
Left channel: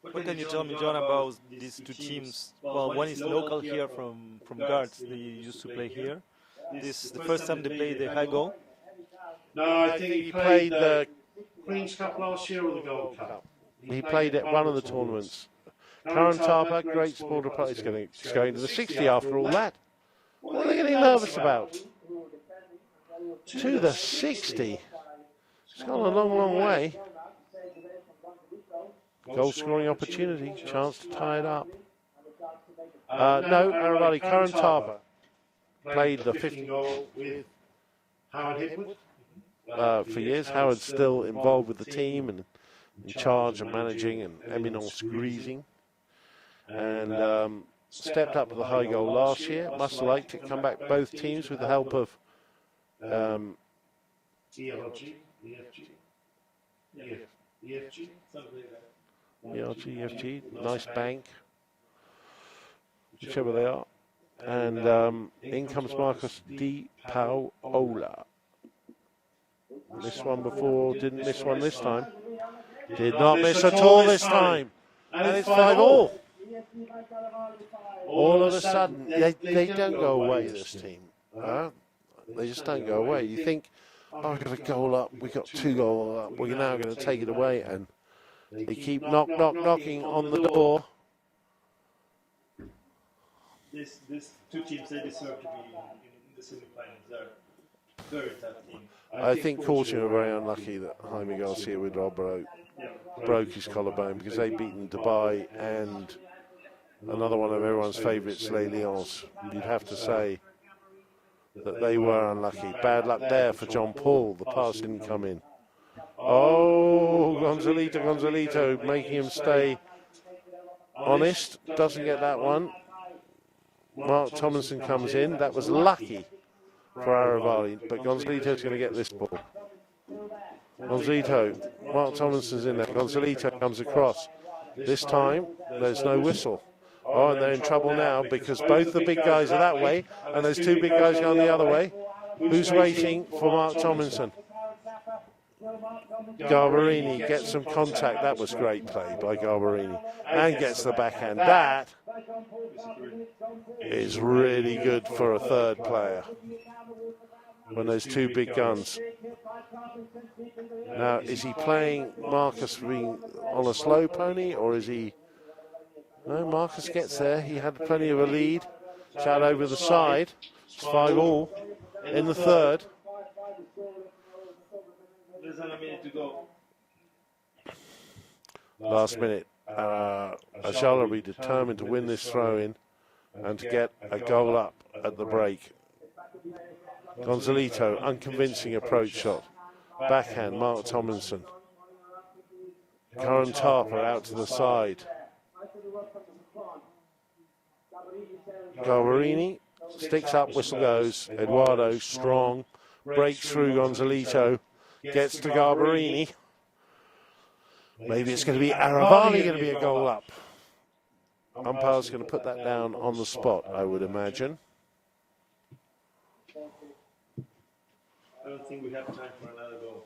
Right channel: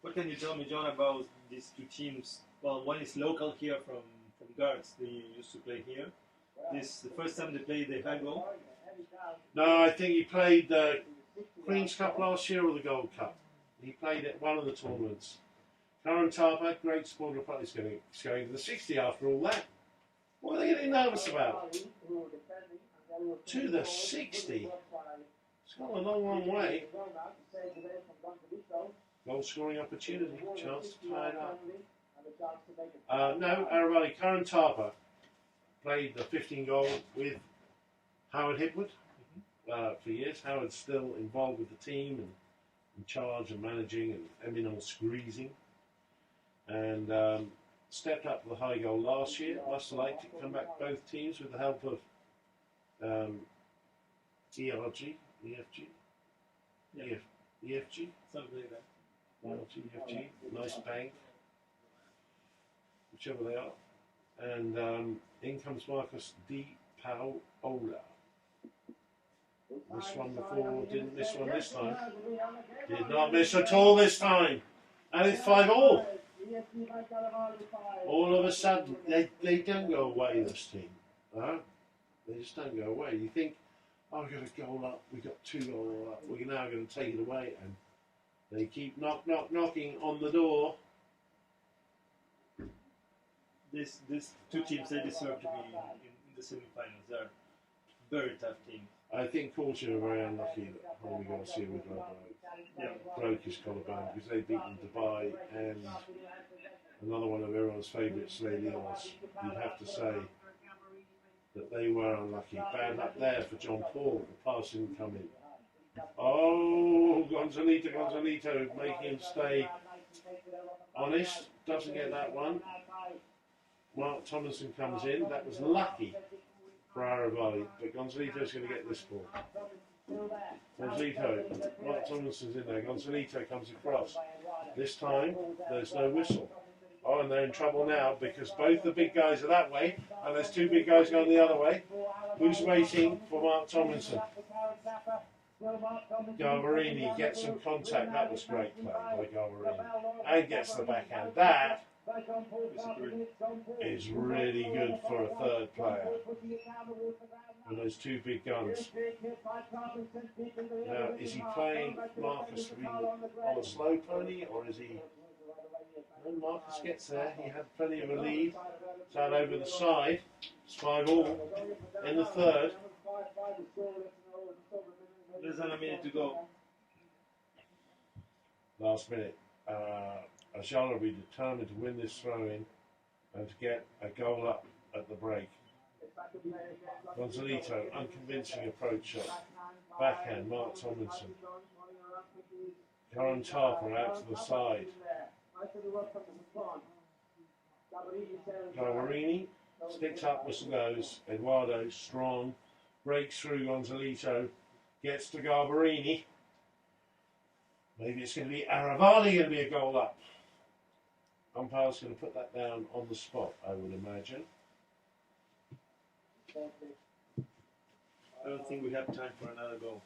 What can you tell me, John, about these two teams? Well, one is local here from Guards. They used to play here. This is the first time they played the high goal. No, I think he played the Queen's Cup last year or the Gold Cup. He played at one of the tournaments. Current Harbour, great supporter player. He's going to the 60 after all that. What are they getting nervous about? To the 60. It's gone a long, long way. Goal scoring opportunity, chance to tie it up. No, everybody, Current Harbour played the 15 goal with Howard Hipwood for years. Howard's still involved with the team and in charge and managing and eminence greasing. And stepped up with a high goal last year. Must have liked to come back both teams with the help of EFG, Something like that. EFG, nice bank, whichever they are. And in comes Marcus Di Paola. This one before, didn't miss one this time. Did not miss at all this time. And it's 5-5. All of a sudden, they don't go away, this team. They just don't go away. You think, oh, we've got a goal up, we've got 2 goals up, we're now going to take it away. And they keep knocking on the door. These two teams, they deserve to be in the semifinals. They're a very tough team. I think Fortune were very unlucky that Jaime Garcia broke his collarbone because they'd beaten Dubai and another one of everyone's favourites, Les Lions. You'd have to say that they were unlucky. Bad luck there for John Paul. The pass didn't come in. Oh, Gonzalito making him stay honest. Doesn't get that one. Mark Tomlinson comes in. That was lucky for Aravali, but Gonzalito's going to get this ball. Gonzalito, Mark Tomlinson's in there. Gonzalito comes across. This time, there's no whistle. Oh, and they're in trouble now because both the big guys are that way, and there's 2 big guys going the other way. Who's waiting for Mark Tomlinson? Garbarini gets some contact. That was great play by Garbarini. And gets the backhand. That is really good for a third player when there's 2 big guns. Now, is he playing Marcus being on a slow pony, or is he... No, Marcus gets there. He had plenty of a lead. Shout over the side. It's 5-5 in the third. There's a minute to go. Last minute. Ayala will be determined to win this throw-in and to get a goal up at the break. Gonzalito, unconvincing approach shot. Backhand, Mark Tomlinson. Curran Tarper out to the side. Garbarini sticks up, whistle goes. Eduardo, strong, breaks through Gonzalito, gets to Garbarini. Maybe it's going to be Aravali going to be a goal up. Umpire's going to put that down on the spot, I would imagine. I don't think we have time for another goal.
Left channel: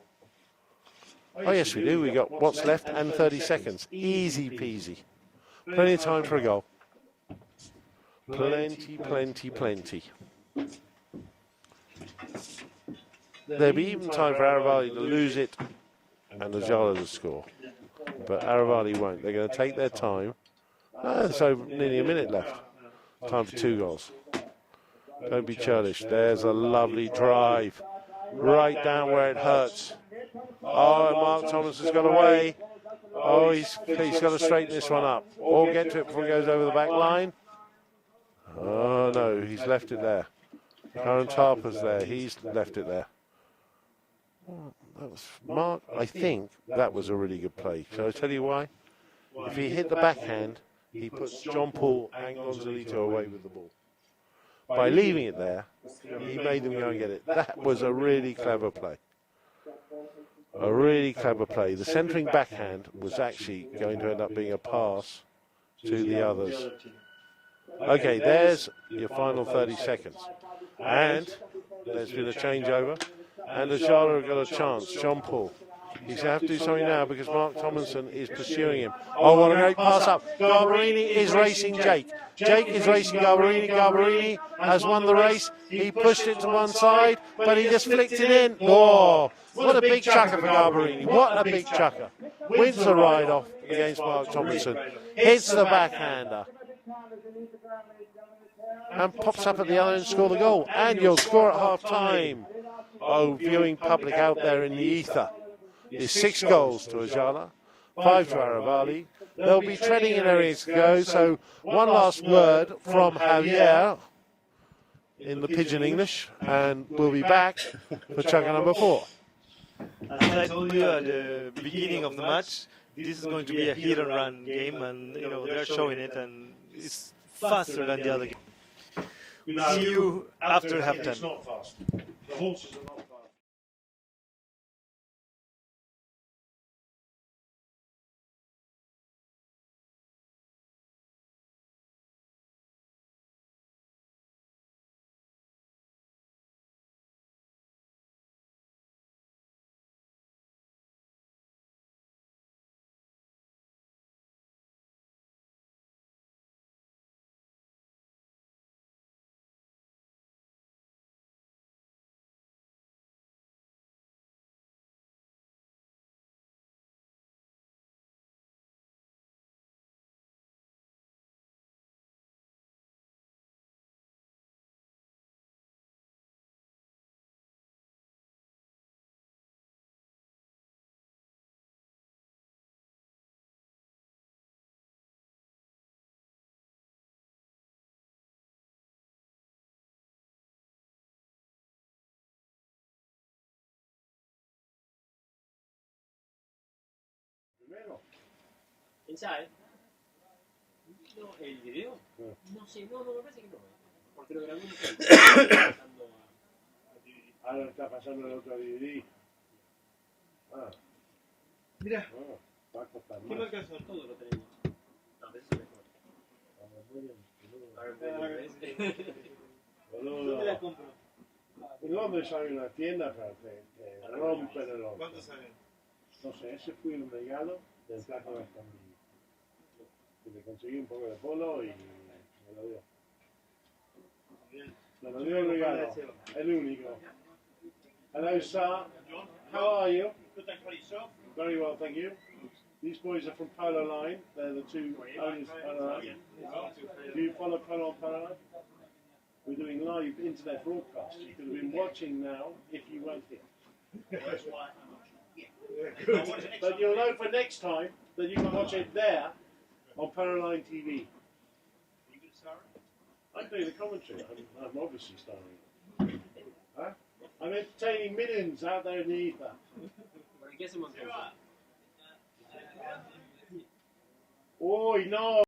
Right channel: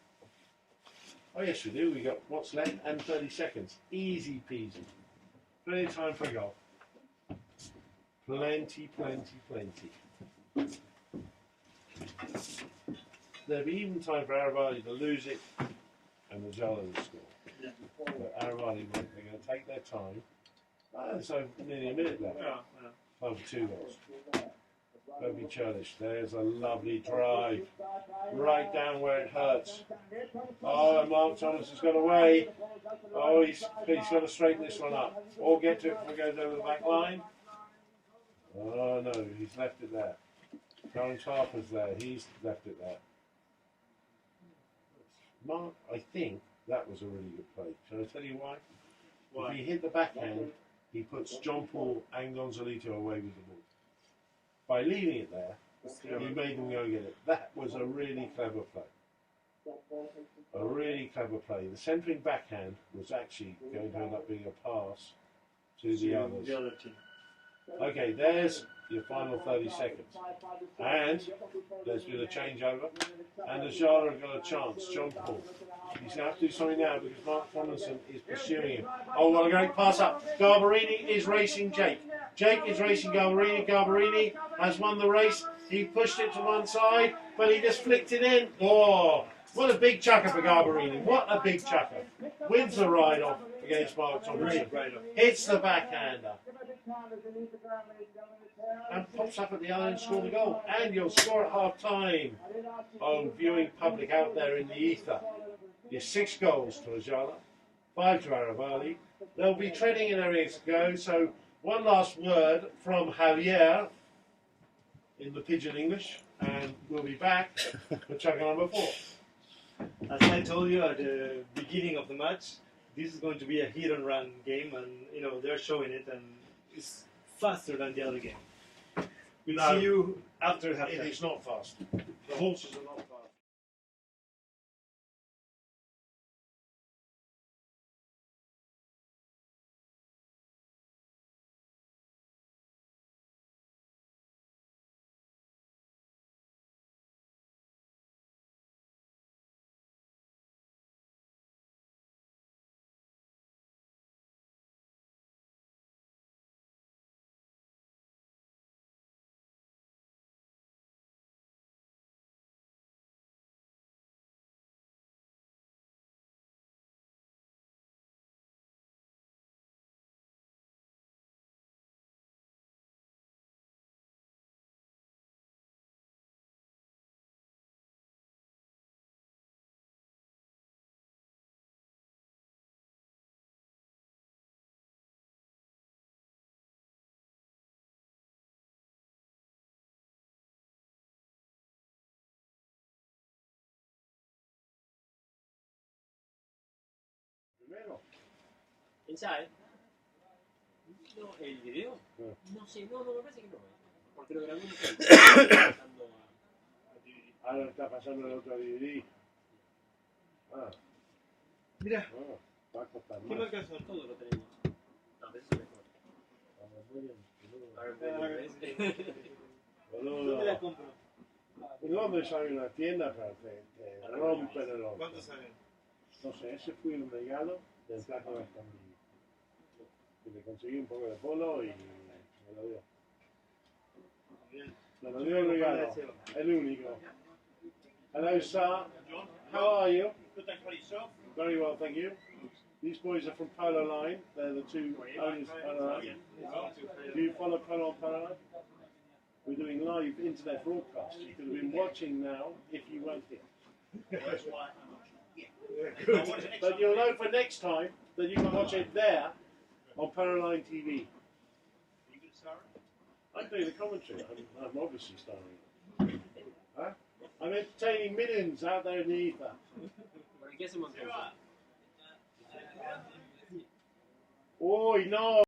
Oh yes we do, we got what's left and 30 seconds. Easy peasy. Plenty of time for a goal. Plenty, plenty, plenty. There'll be even time for Aravali to lose it and Ayala to score. But Aravali won't. They're going to take their time. So nearly a minute left. Time for 2 goals. Don't be churlish. There's a lovely drive. Right down where it hurts. Oh, Mark Thomason's gone away. Oh, he's got to straighten this one up. Or get to it before he goes over the back line. Oh, no, he's left it there. Curran Tarper's there. He's left it there. That was Mark. I think that was a really good play. Shall I tell you why? If he hit the backhand, he puts John Paul and Gonzalito away with the ball. By leaving it there, he made them go and get it. That was a really clever play. A really clever play. The centering backhand was actually going to end up being a pass to the others. Okay, there's your final 30 seconds. And there's been a changeover. And Ayala got a chance. John Paul. He's going to have to do something now because Mark Tomlinson is pursuing him. Oh, a great pass up. Garbarini is racing Jake. Jake is racing Garbarini. Garbarini has won the race. He pushed it to one side, but he just flicked it in. Oh, what a big chucker, Garbarini. What a big chucker. Wins the ride-off against Mark Tomlinson. Hits the backhander. And pops up at the other end and score the goal. And you'll score at half-time. Oh, viewing public out there in the ether. Is 6 goals to Ayala, 5 to Aravali. They'll be treading in areas to go, so one last word from Javier in the pidgin English, and we'll be back for chucker number 4. As I told you at the beginning of the match, this is going to be a hit and run game, and they're showing it, and it's faster than the other game. We'll see you after halftime. It's not fast. The horses are not fast. Inside. No, el video. No sé, no, me parece que no. Porque lo grabé pasando a... Ahora está pasando el otro DVD. Ah. Mira, Va a costar ¿qué más. marcas son? Todo lo tenemos. No, pero eso es mejor. ¿Dónde la compro? En Londres hay una tienda que rompen el horno. ¿Cuántos salen? No sé, ese fue un regalo del plato de Escondida. Que le conseguí un poco de polo y me lo dio. Me lo dio el regalo, el único. Hello, sir. How are you? Good, thanks for yourself. Very well, thank you. These boys are from Polo Line. They're the 2 owners of Polo Line. Do you follow Polo on Polo Line? We're doing live internet broadcast. You could have been watching now if you weren't here. That's why I'm not sure. Yeah. But you'll know for next time that you can watch it there on Polo Line TV. Are you good, Sarah? I'm doing the commentary. I'm obviously starring. Huh? I'm entertaining millions out there in the ether. ¿Para qué hacemos entonces? Uy, no.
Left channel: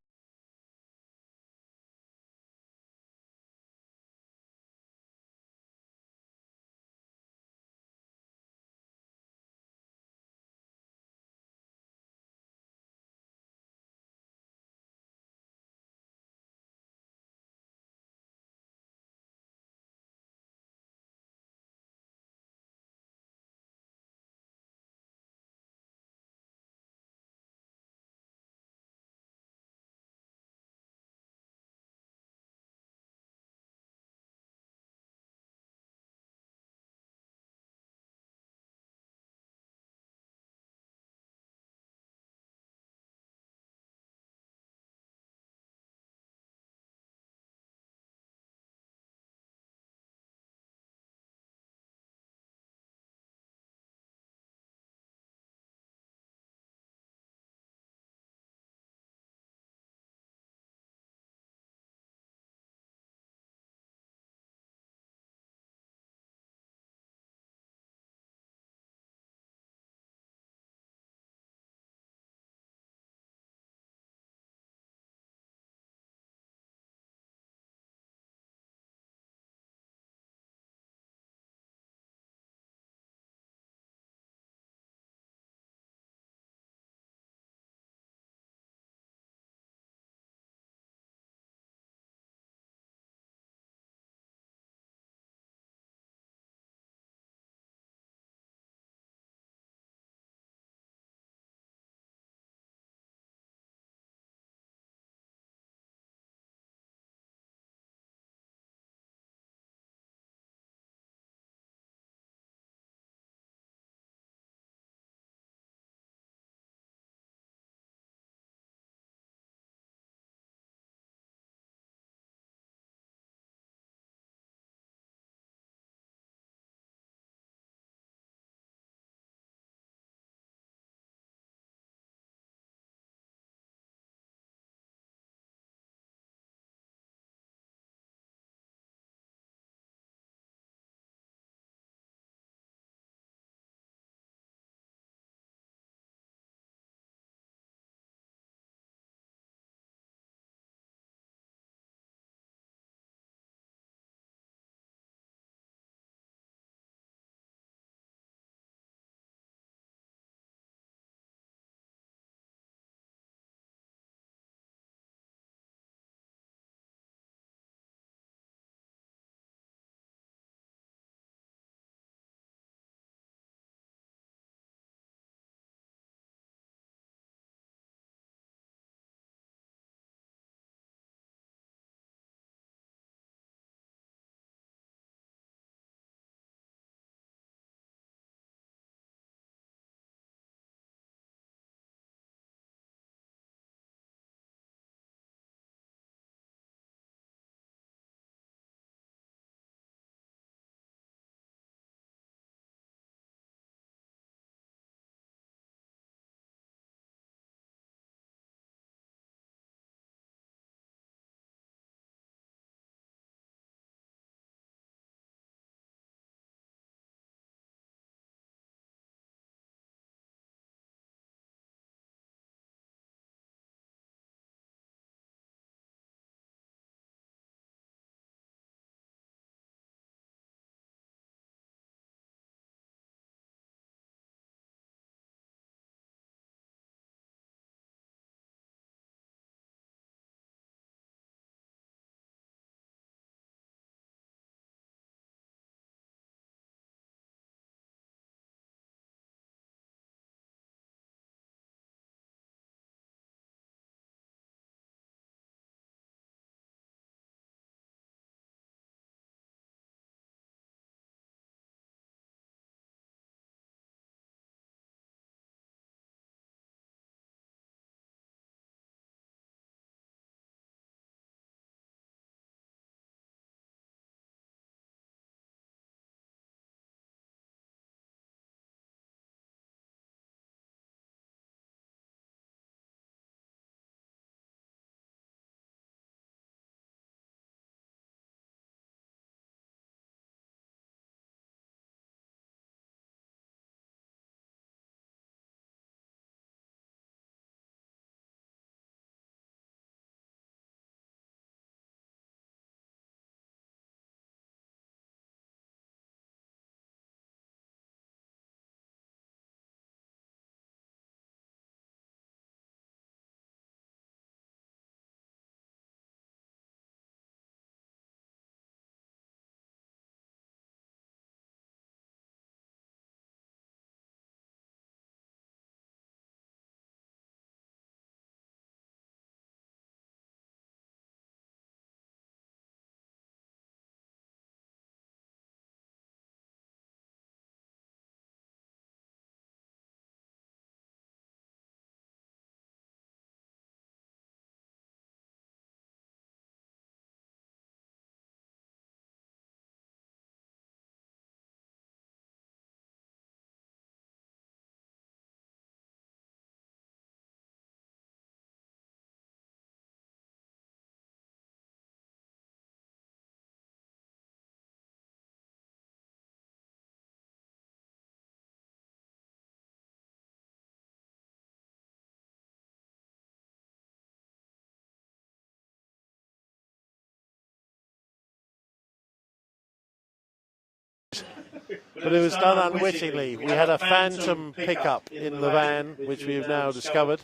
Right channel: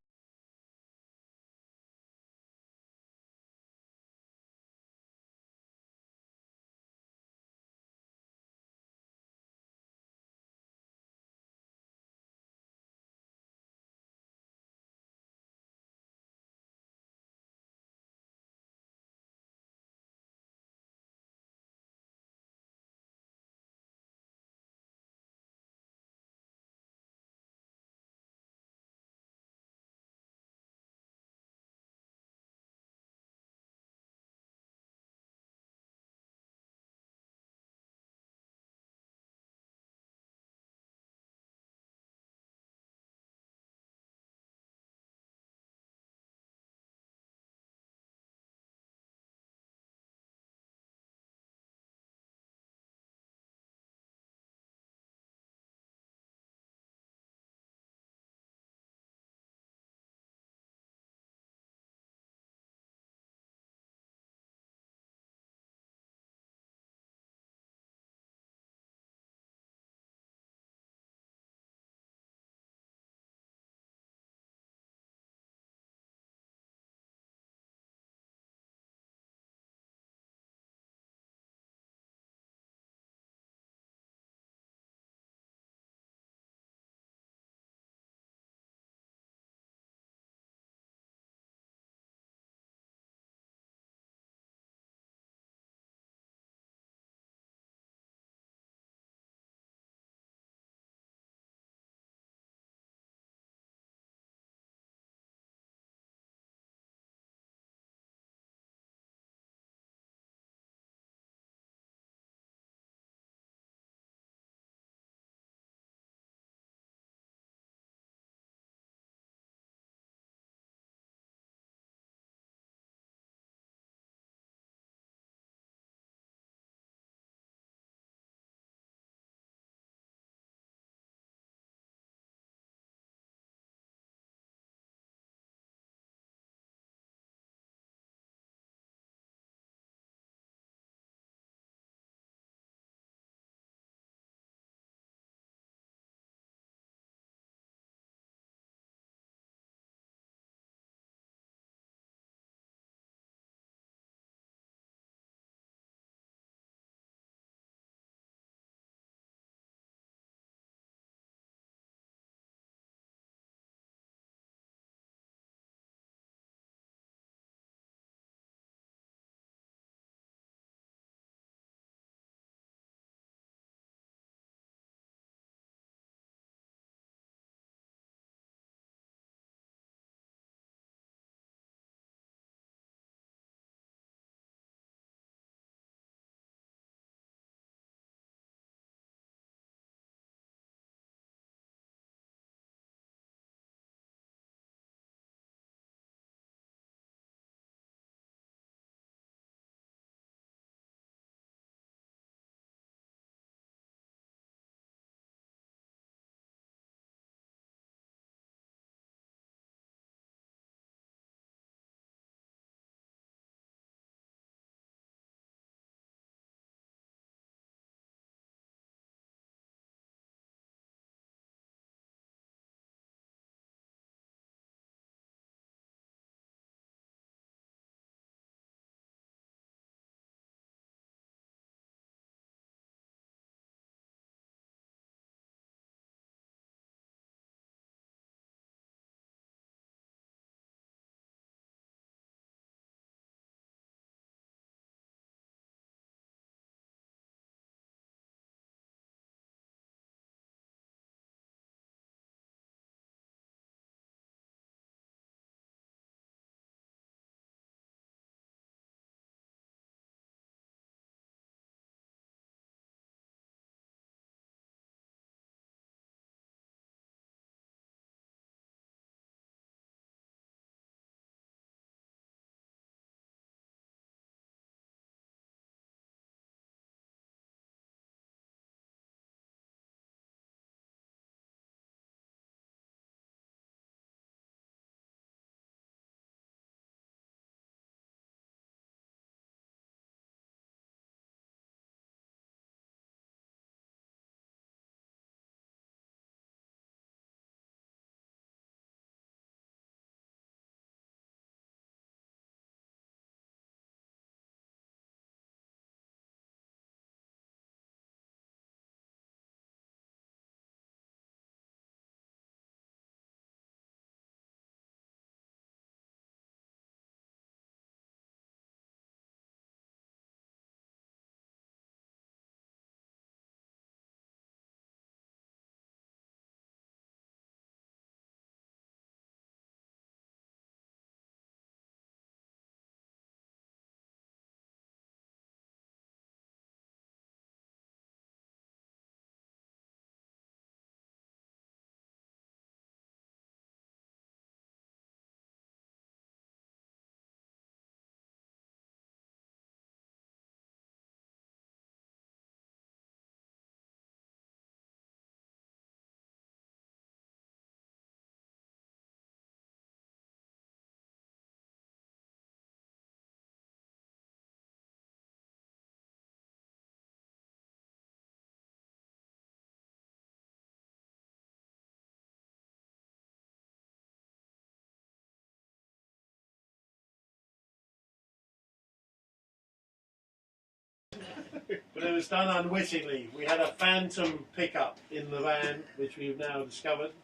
But it was done unwittingly. We had a phantom pickup in the van, which we have now discovered.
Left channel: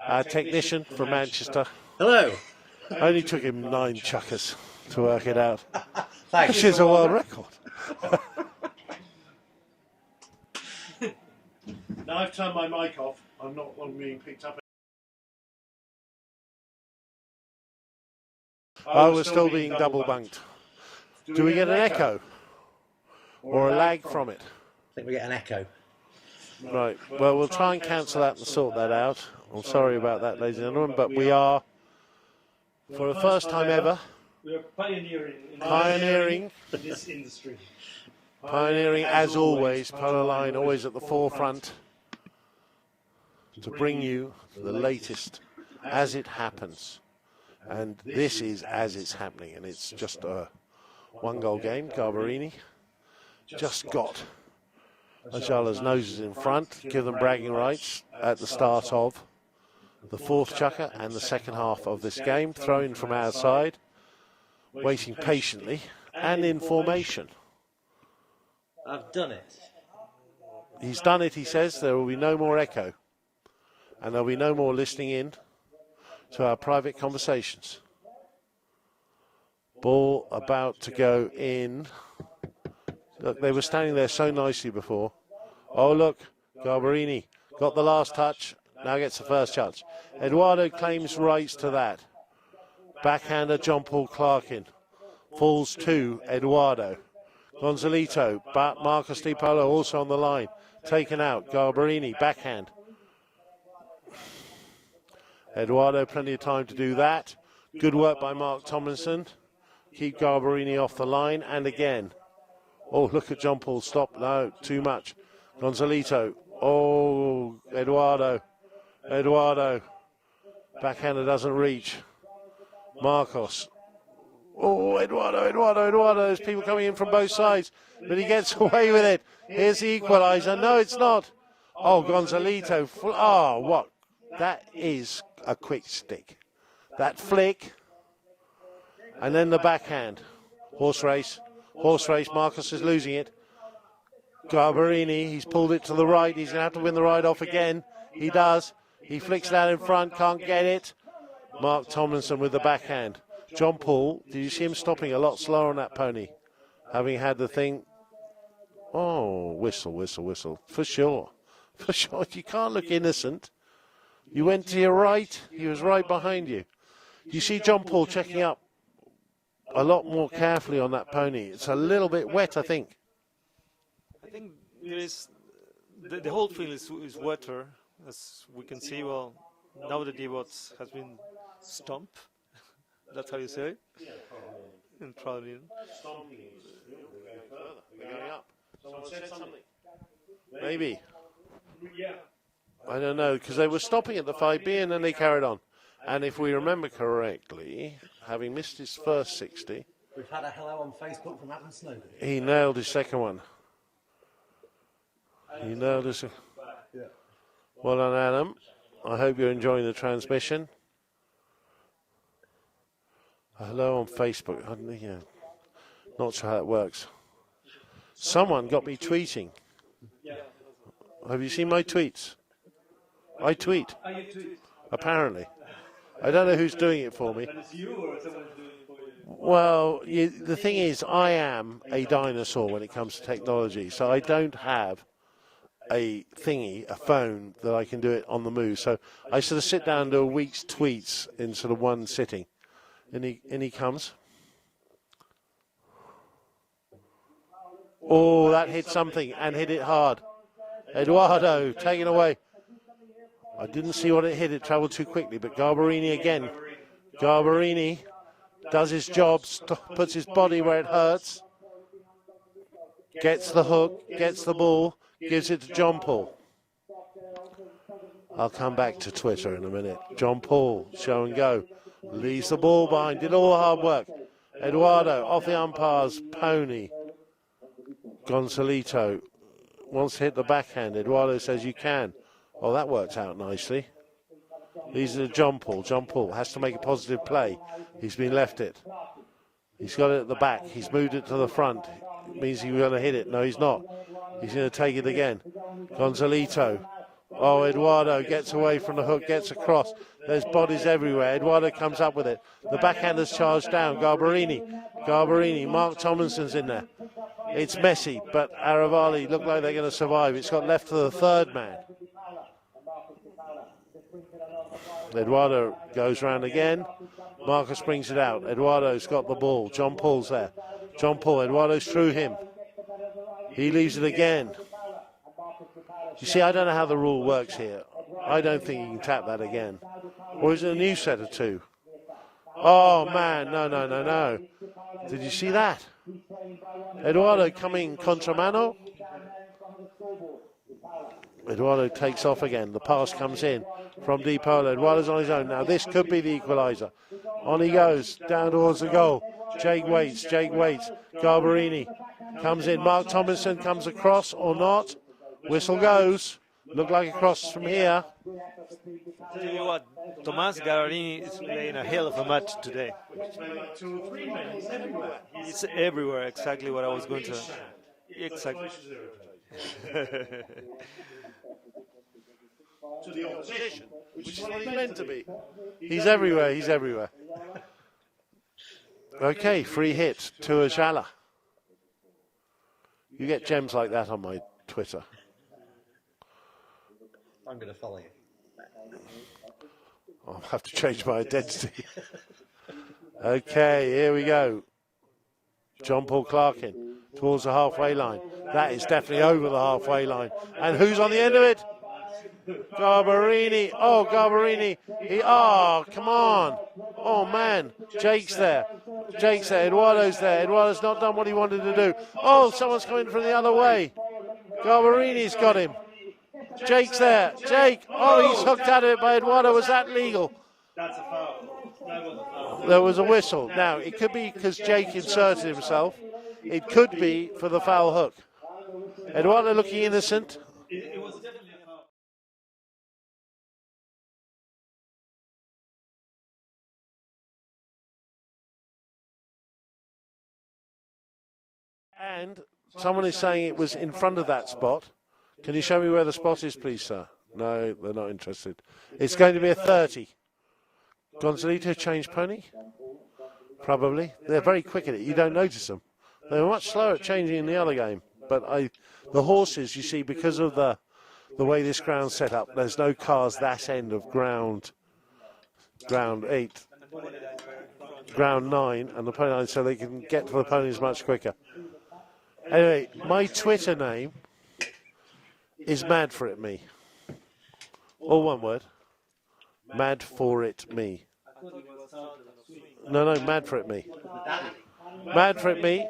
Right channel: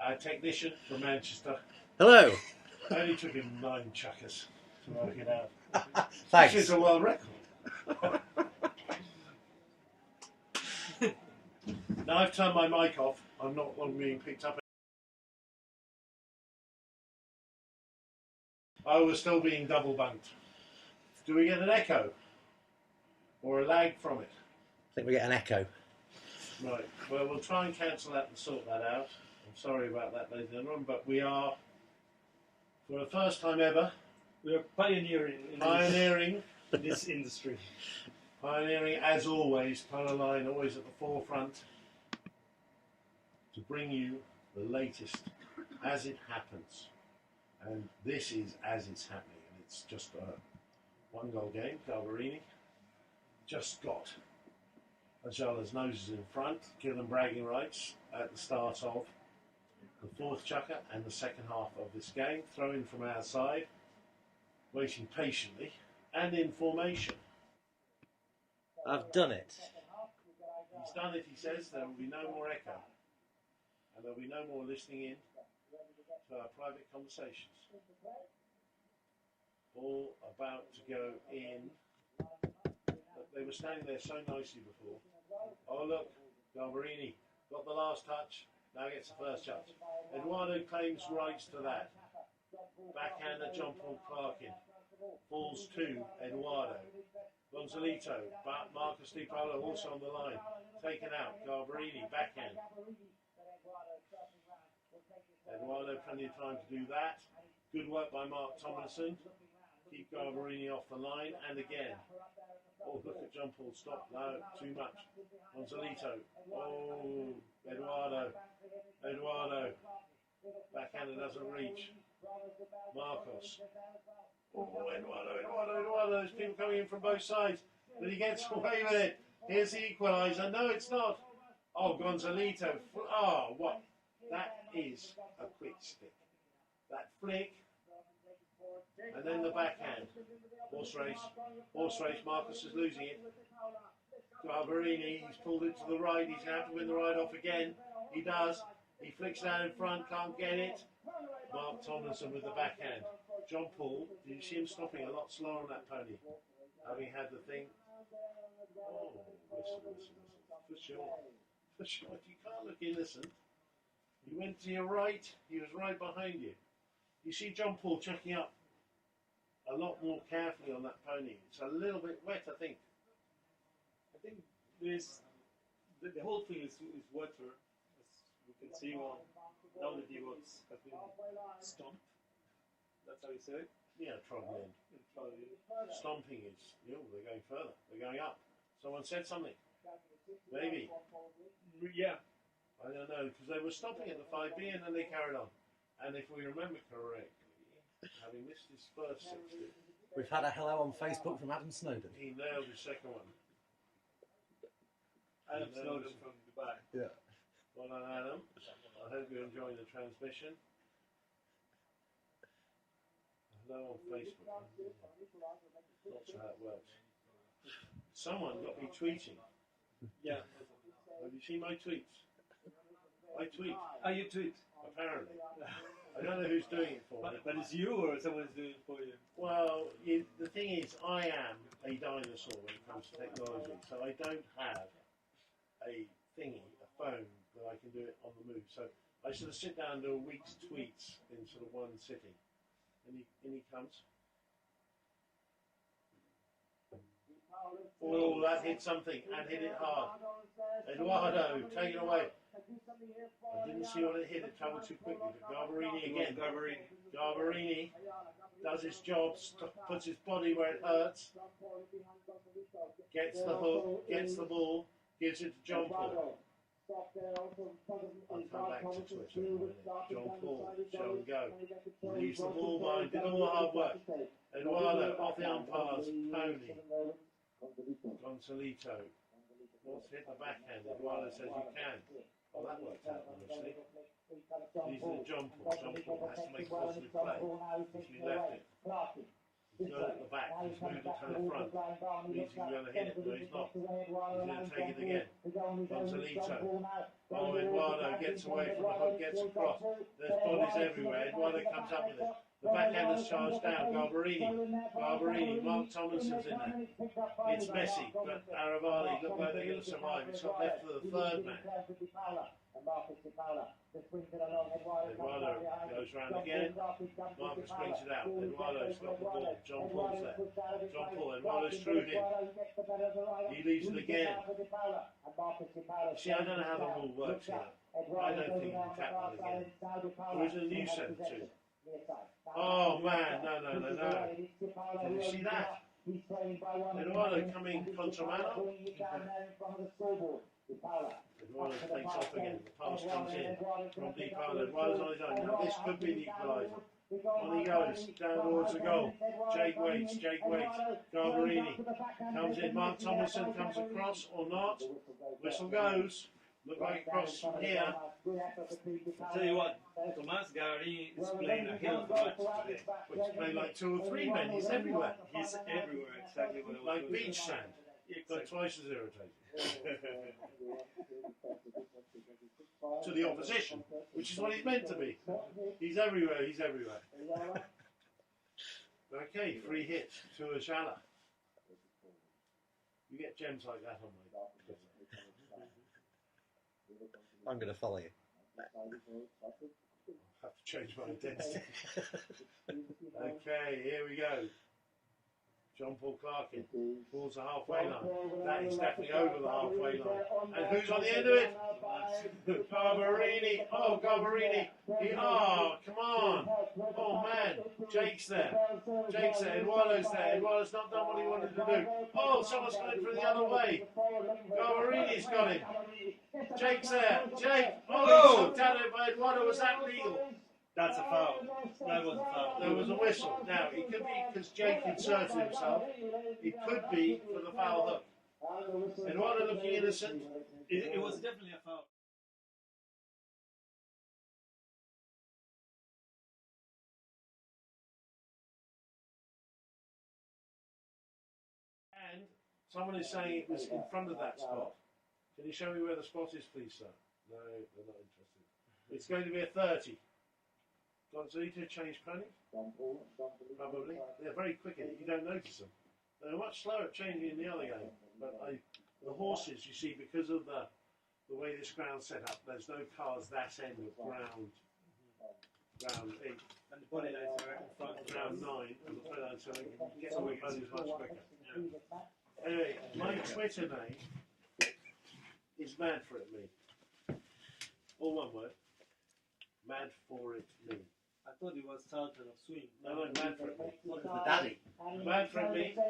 Our technician from Manchester. Hello. Only took him 9 chuckers to work it out. Thanks. Which is a world record. Now I've turned my mic off. I'm not being picked up. I was still being double bunked. Do we get an echo? Or a lag from it? I think we get an echo. Right, well, we'll try and cancel that and sort that out. I'm sorry about that, ladies and gentlemen, but we are, for the first time ever, We are pioneering in this industry. pioneering as always, Polo Line always at the forefront to bring you the latest as it happens. And this is as it's happening, and it's just a 1-goal game. Garbarini just got Ayala's noses in front, give them bragging rights at the start of the 4th chukker and the second half of this game, thrown from our side, waiting patiently and in formation. I've done it. He's done it, he says. There will be no more echo, and there will be no more listening in to our private conversations. Ball about to go in. Look, they were standing there so nicely before. Oh, look, Garbarini got the last touch, now gets the first touch. Eduardo claims rights to that. Backhander John Paul Clarkin falls to Eduardo. Gonzalito, but Marcos Di Paolo also on the line. Taken out, Garbarini, backhand. Eduardo, plenty of time to do that. Good work by Mark Tomlinson. Keep Garbarini off the line, and again. Oh, look at John Paul, stop, no, too much. Gonzalito, oh, Eduardo. Backhander doesn't reach. Marcos. Oh, Eduardo, there's people coming in from both sides, but he gets away with it. Here's the equaliser, no, it's not. Oh, Gonzalito, oh, what? That is a quick stick. That flick, and then the backhand. Horse race, Marcos is losing it. Garbarini, he's pulled it to the right, he's going to have to win the ride off again. He does, he flicks that in front, can't get it. Mark Tomlinson with the backhand. John Paul, did you see him stopping a lot slower on that pony? Having had the thing, oh, whistle, for sure. You can't look innocent. You went to your right, he was right behind you. You see John Paul checking up a lot more carefully on that pony. It's a little bit wet, I think. I think the whole field is wetter, as we can see. Well, now the divots has been stomped. That's how you say it? Yeah, probably. Probably. Stomping is, they're going further, they're going up. Someone said something. Maybe. Yeah. I don't know, because they were stopping at the 5B and then they carried on. And if we remember correctly, having missed his first 60, We've had a hello on Facebook from Adam Snowden. he nailed his second one. Yeah. Well done, Adam. I hope you're enjoying the transmission. Hello on Facebook. Not sure how that works. Someone got me tweeting. Have you seen my tweets? I tweet. Oh, you tweet? Apparently. I don't know who's doing it for me. That is you or someone's doing it for you? Well, the thing is, I am a dinosaur when it comes to technology, so I don't have a phone that I can do it on the move. So I sort of sit down and do a week's tweets in sort of one sitting. And he comes. Oh, that hit something and hit it hard. Eduardo taken away. I didn't see what it hit. It travelled too quickly. But Garbarini again. Garbarini does his job, puts his body where it hurts. Gets the hook, gets the ball, gives it to John Paul. I'll come back to Twitter in a minute. John Paul, show and go. Leaves the ball behind, did all the hard work. Eduardo, off the umpire's pony. Gonzalito wants to hit the backhand. Eduardo says you can. Oh, that works out nicely. These are John Paul. John Paul has to make a positive play. He's been left it. He's got it at the back. He's moved it to the front. It means he's going to hit it. No, he's not. He's going to take it again. Gonzalito. Oh, Eduardo gets away from the hook, gets across. There's bodies everywhere. Eduardo comes up with it. The backhander's charged down. Garbarini. Mark Tomlinson's in there. It's messy, but Aravali look like they're going to survive. It's got left to the third man. Eduardo goes round again. Marcus brings it out. Eduardo's got the ball. John Paul's there. John Paul. Eduardo's through him. He leaves it again. You see, I don't know how the rule works here. I don't think you can tap that again. Or is it a new set of two? Oh, man. No. Did you see that? Eduardo coming contra mano. Eduardo takes off again. The pass comes in from Di Paolo. Eduardo's on his own. Now, this could be the equaliser. On he goes, down towards the goal. Jake waits. Garbarini comes in. Mark Tomlinson comes across or not. Whistle goes. Look like a cross from here. Tell you what, Tomas Garbarini is playing a hell of a match today. He's playing like 2 or 3 men. He's everywhere. He's everywhere, exactly what I was going to say. Exactly. Twice as irritating. To the opposition, which is what he's meant to be. He's everywhere. Okay, free hit to Ayala. You get gems like that on my Twitter. I'm going to follow you. I'll have to change my identity. Okay, here we go. John Paul Clarkin towards the halfway line. That is definitely over the halfway line. And who's on the end of it? Garbarini. Oh, Garbarini. Come on. Oh, man. Jake's there. Eduardo's there. Eduardo's not done what he wanted to do. Oh, someone's coming from the other way. Garbarini's got him. Jake's there. Jake. Oh, he's hooked out of it by Eduardo. Was that legal? That's a foul. That was a foul. There was a whistle. Now, it could be because Jake inserted himself. It could be for the foul hook. Eduardo looking innocent. It was definitely a foul. And someone is saying it was in front of that spot. Can you show me where the spot is, please, sir? No, they're not interested. It's going to be a 30. Gonzalito changed pony? Probably. They're very quick at it. You don't notice them. They were much slower at changing in the other game. But the horses, you see, because of the way this ground's set up, there's no cars that end of ground 8, ground 9, and the pony line, so they can get to the ponies much quicker. Anyway, my Twitter name is Mad For It Me. All one word. Mad For It Me. No, Mad For It Me. Mad For It Me.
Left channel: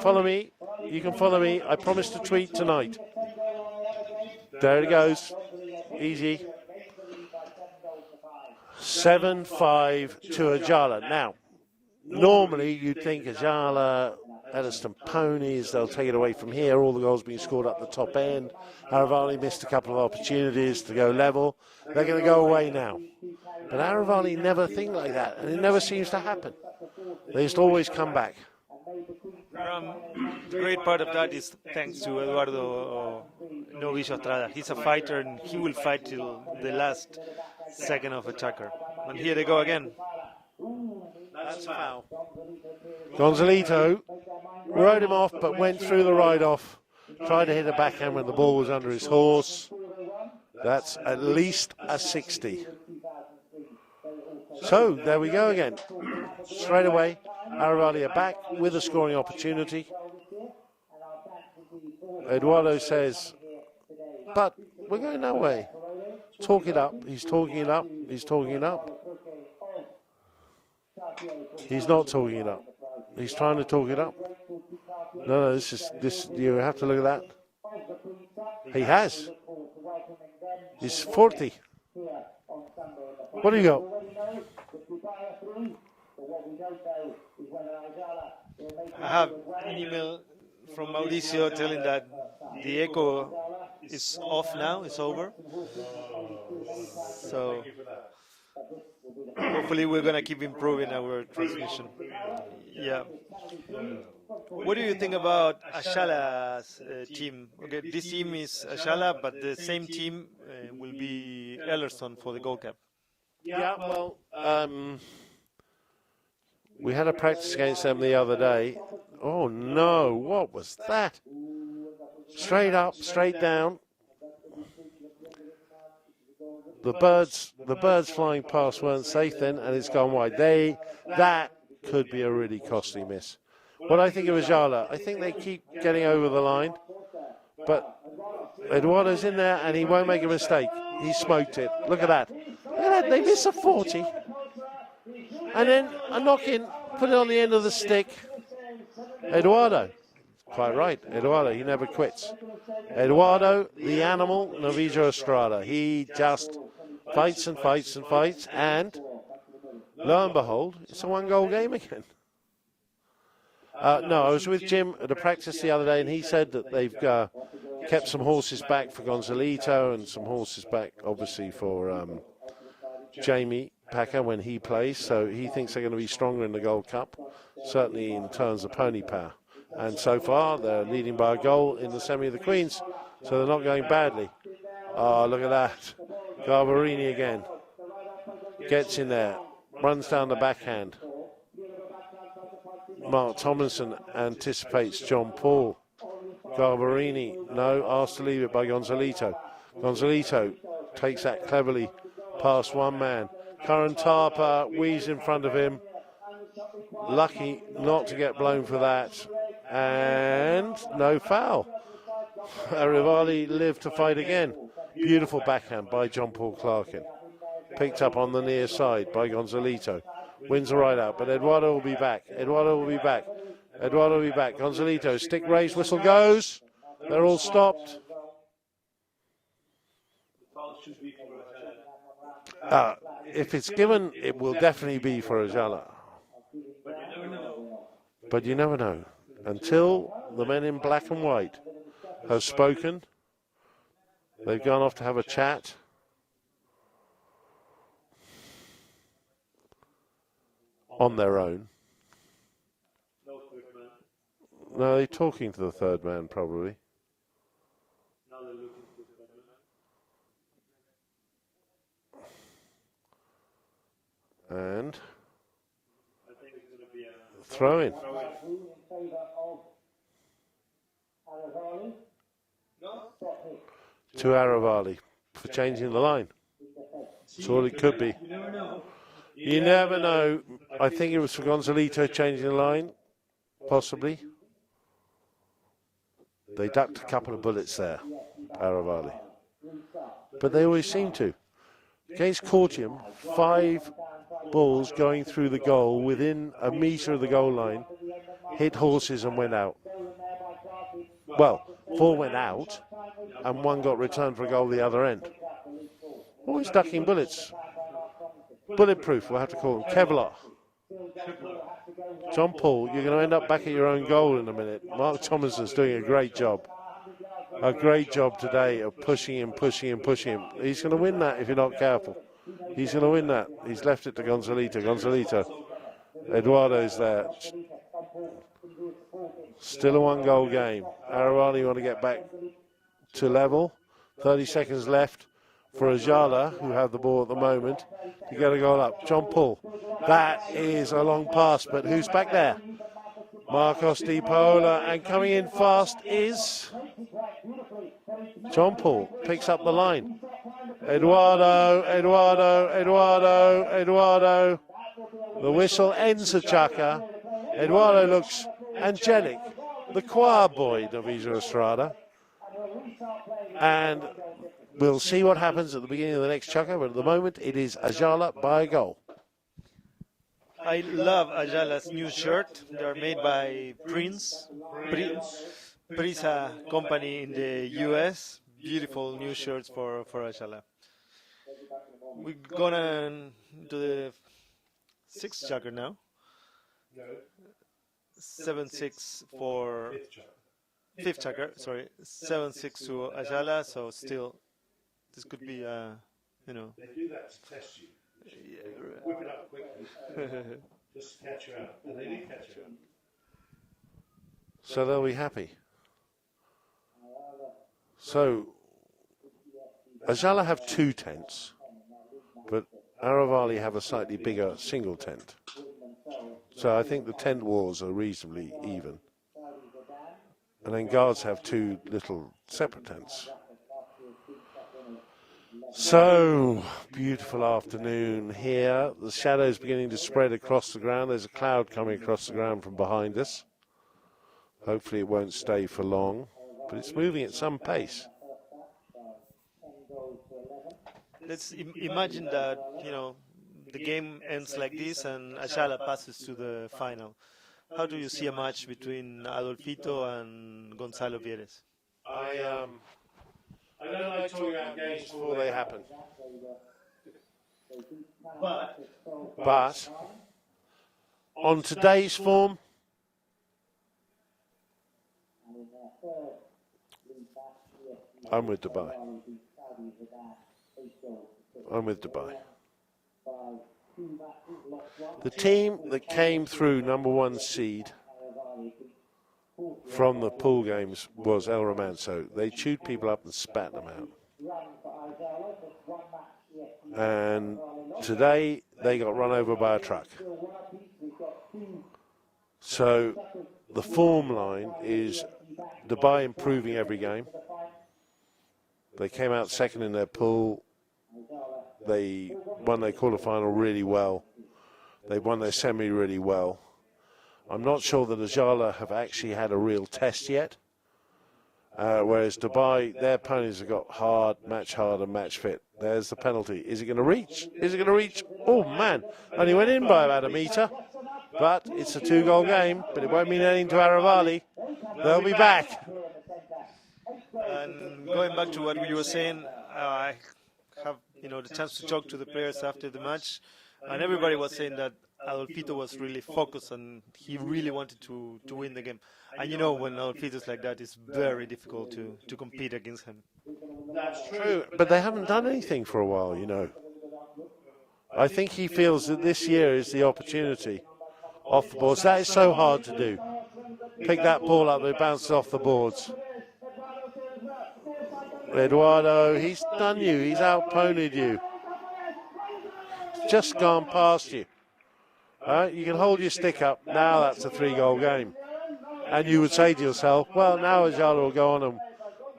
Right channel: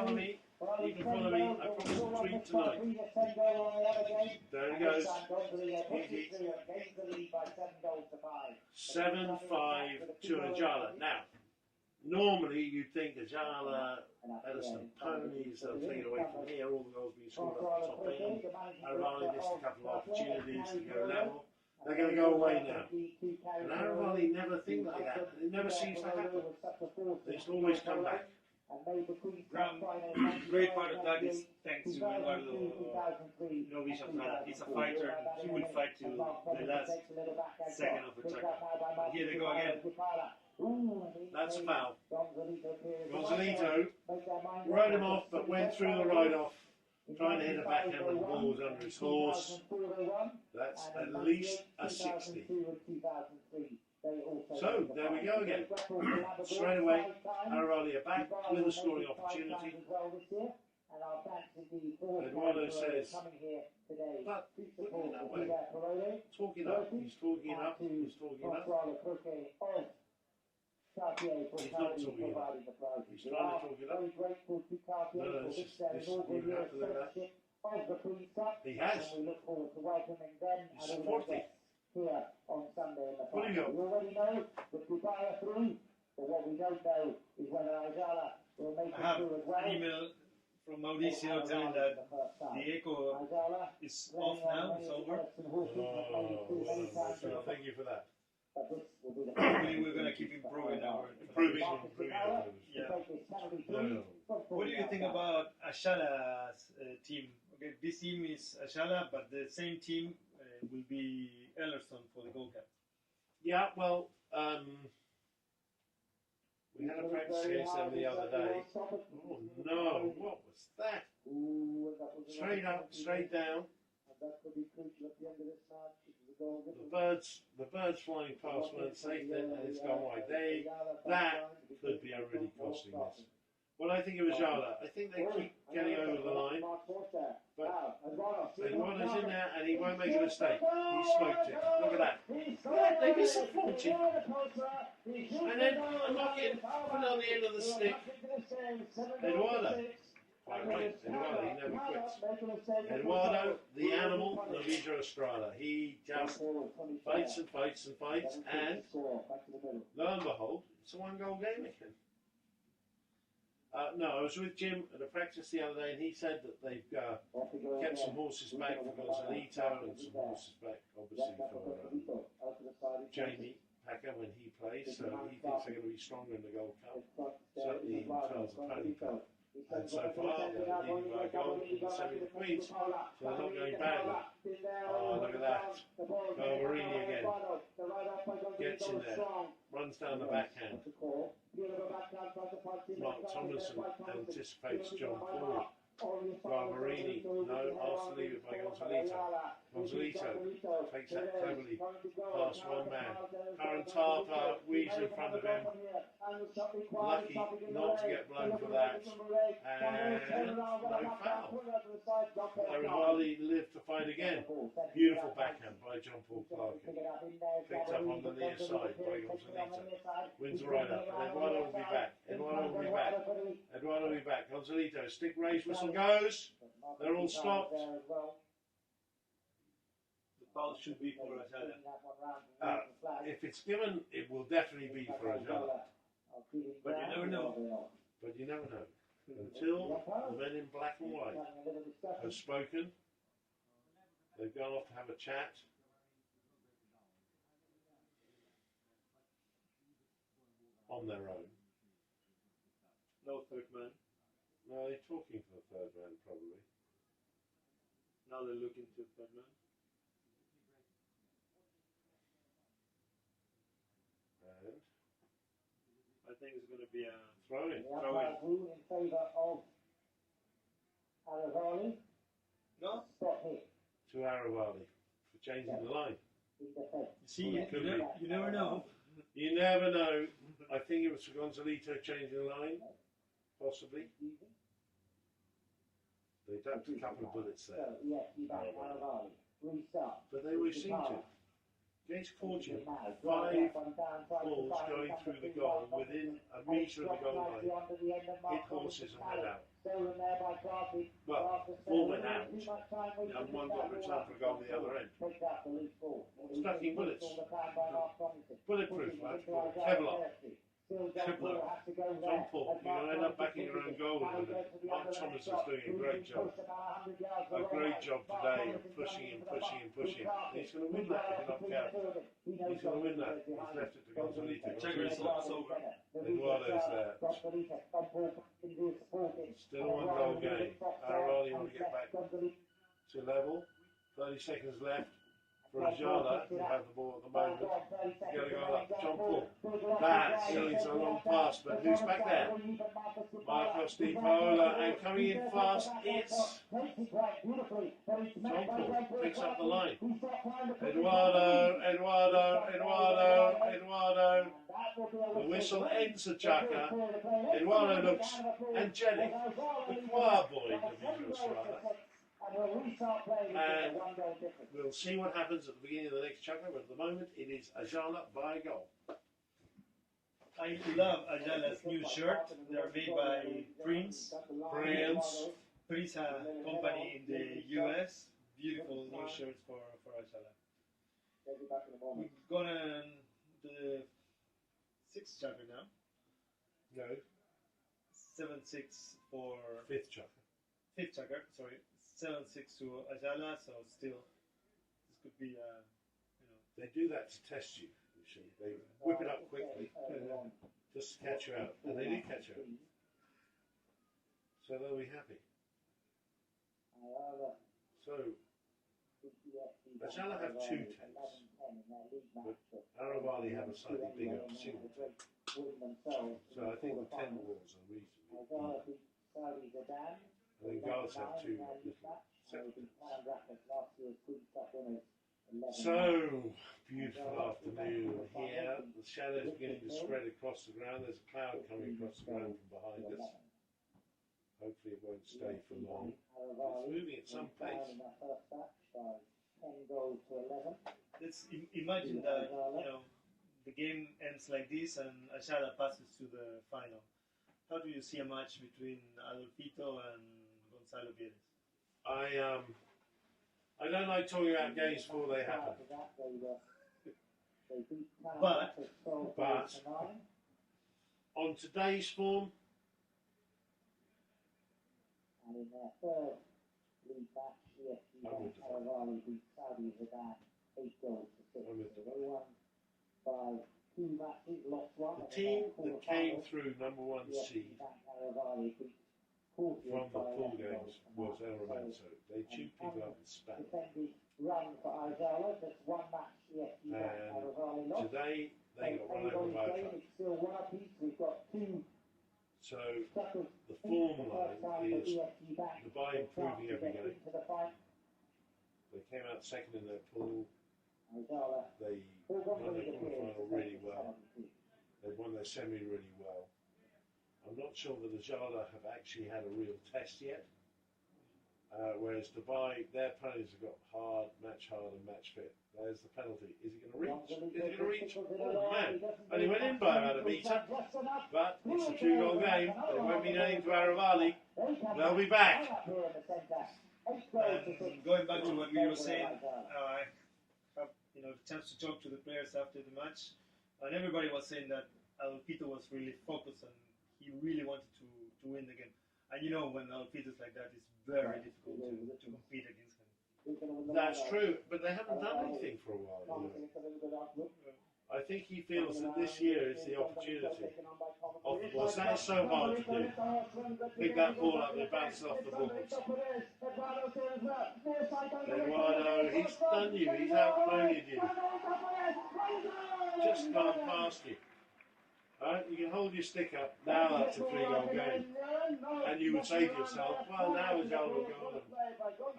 Follow me. You can follow me. I promise to tweet tonight. There it goes. Easy. 7-5 to Ayala. Now, normally you'd think Ayala, Elliston Ponies, they'll take it away from here. All the goals being scored up the top end. Aravali missed a couple of opportunities to go level. They're going to go away now. But Aravali never think like that, and it never seems to happen. They just always come back. Great part of that is thanks to Eduardo Novicio Estrada. He's a fighter and he will fight till the last second of attacker. And here they go again. That's foul. Gonzalito rode him off but went through the ride-off. Tried to hit a backhand when the ball was under his horse. That's at least a 60. So, there we go again. Straight away, Aravali are back with a scoring opportunity. Eduardo says, but we're going that way. Talk it up. He's talking it up. He's talking it up. He's not talking it up. He's trying to talk it up. No, this. You have to look at that. He has. He's 40. What do you got? I have an email from Mauricio telling that the echo is off now, it's over. So Thank you for that. Hopefully, we're gonna keep improving our transmission. Yeah. What do you think about Ayala's team? Okay, this team is Ayala, but the same team will be Ellerson for the Gold Cup. Yeah, well, we had a practice against them the other day. Oh no, what was that? Straight up, straight down. The birds flying past weren't safe then, and it's gone wide. That could be a really costly miss. What I think of Ayala, I think they keep getting over the line, but Eduardo's in there and he won't make a mistake. He smoked it. Look at that. Look at that. They miss a 40. And then a knock in, put it on the end of the stick. Eduardo. Quite right. Eduardo, he never quits. Eduardo, the animal, Novijo Estrada. He just fights and fights and fights, and lo and behold, it's a one-goal game again. No, I was with Jim at a practice the other day, and he said that they've kept some horses back for Gonzalito and some horses back, obviously, for Jamie Packer when he plays. So he thinks they're going to be stronger in the Gold Cup, certainly in terms of pony power. And so far, they're leading by a goal in the Semi of the Queens, so they're not going badly. Oh, look at that. Garbarini again. Gets in there, runs down the backhand. Mark Tomlinson anticipates John Paul. Garbarini, no, asked to leave it by Gonzalito. Gonzalito takes that cleverly past one man. Curran Tarpa weaves in front of him. Lucky not to get blown for that. And no foul. Aravali lived to fight again. Beautiful backhand by John Paul Clarkin. Picked up on the near side by Gonzalito. Wins the right out, but Eduardo will be back. Eduardo will be back. Eduardo will be back. Gonzalito, stick raised, whistle goes. They're all stopped. If it's given, it will definitely be for Ayala. But you never know. Until the men in black and white have spoken, they've gone off to have a chat. On their own. No third man. No, they're talking to the third man, probably. Now they're looking to the third man. And I think it's going to be a throw in. In favour of Aravali. No? Stop hit. To Aravali for changing the line. That's all it could be. You never know. You never know. I think it was for Gonzalito changing the line, possibly. They ducked a couple of bullets there, Aravali. But they always seem to. Against Courtium, 5 balls going through the goal within a metre of the goal line, hit horses and went out. Well, 4 went out and 1 got returned for a goal the other end. Always ducking bullets. Bulletproof, we'll have to call them. Kevlar. John Paul, you're going to end up back at your own goal in a minute. Mark Tomlinson's doing a great job. A great job today of pushing him, pushing him, pushing him. He's going to win that if you're not careful. He's going to win that. He's left it to Gonzalito. Gonzalito. Eduardo's there. Still a 1-goal game. Aravali want to get back to level. 30 seconds left for Ayala, who have the ball at the moment. You got to go up. John Paul. That is a long pass, but who's back there? Marcos Di Paola, and coming in fast is John Paul. Picks up the line. Eduardo, Eduardo, Eduardo, Eduardo. The whistle ends the chukker. Eduardo looks angelic. The choir boy, Novijo Estrada. And we'll see what happens at the beginning of the next chukker, but at the moment it is Ayala by a goal. I love Ayala's new shirt. They're made by Prince. Prince company in the US. Beautiful new shirts for Ayala. We're gonna do the 6th chukker now. No. 7-6 for Fifth chukker. 5th chukker. Sorry, 7-6 to Ayala. So still, this could be, you know. They do that to test you. whip it up quickly, just to catch you out. And they did catch you out. So they'll be happy. So Ayala have 2 tents, but Aravali have a slightly bigger single tent. So I think the tent wars are reasonably even. And then guards have 2 little separate tents. So, beautiful afternoon here. The shadows beginning to spread across the ground. There's a cloud coming across the ground from behind us. Hopefully it won't stay for long, but it's moving at some pace. Let's imagine that, the game ends like this and Ayala passes to the final. How do you see a match between Adolfito and Gonzalo Vieres? I don't like talking about games before they happen. But on today's form, I'm with Dubai. I'm with Dubai. The team that came through #1 seed from the pool games was El Romanzo. They chewed people up and spat them out. And today they got run over by a truck. So the form line is Dubai improving every game. They came out second in their pool. They won their quarterfinal really well. They won their semi really well. I'm not sure that Ayala have actually had a real test yet. Whereas Dubai, their opponents have got hard and match fit. There's the penalty. Is it going to reach? Is it going to reach? Oh man, only went in by about a metre. But it's a 2-goal game, but it won't mean anything to Aravali. They'll be back. And going back to what you were saying, I have the chance to talk to the players after the match, and everybody was saying that Adolfito was really focused and he really wanted to win the game. And when Adolfito's like that, it's very difficult to compete against him. That's true. But they haven't done anything for a while, I think he feels that this year is the opportunity off the boards. That is so hard to do. Pick that ball up, it bounces off the boards. Eduardo, he's done you, he's out-ponied you. Just gone past you. You can hold your stick up, now that's a 3-goal game. And you would say to yourself, well, now Ayala will go on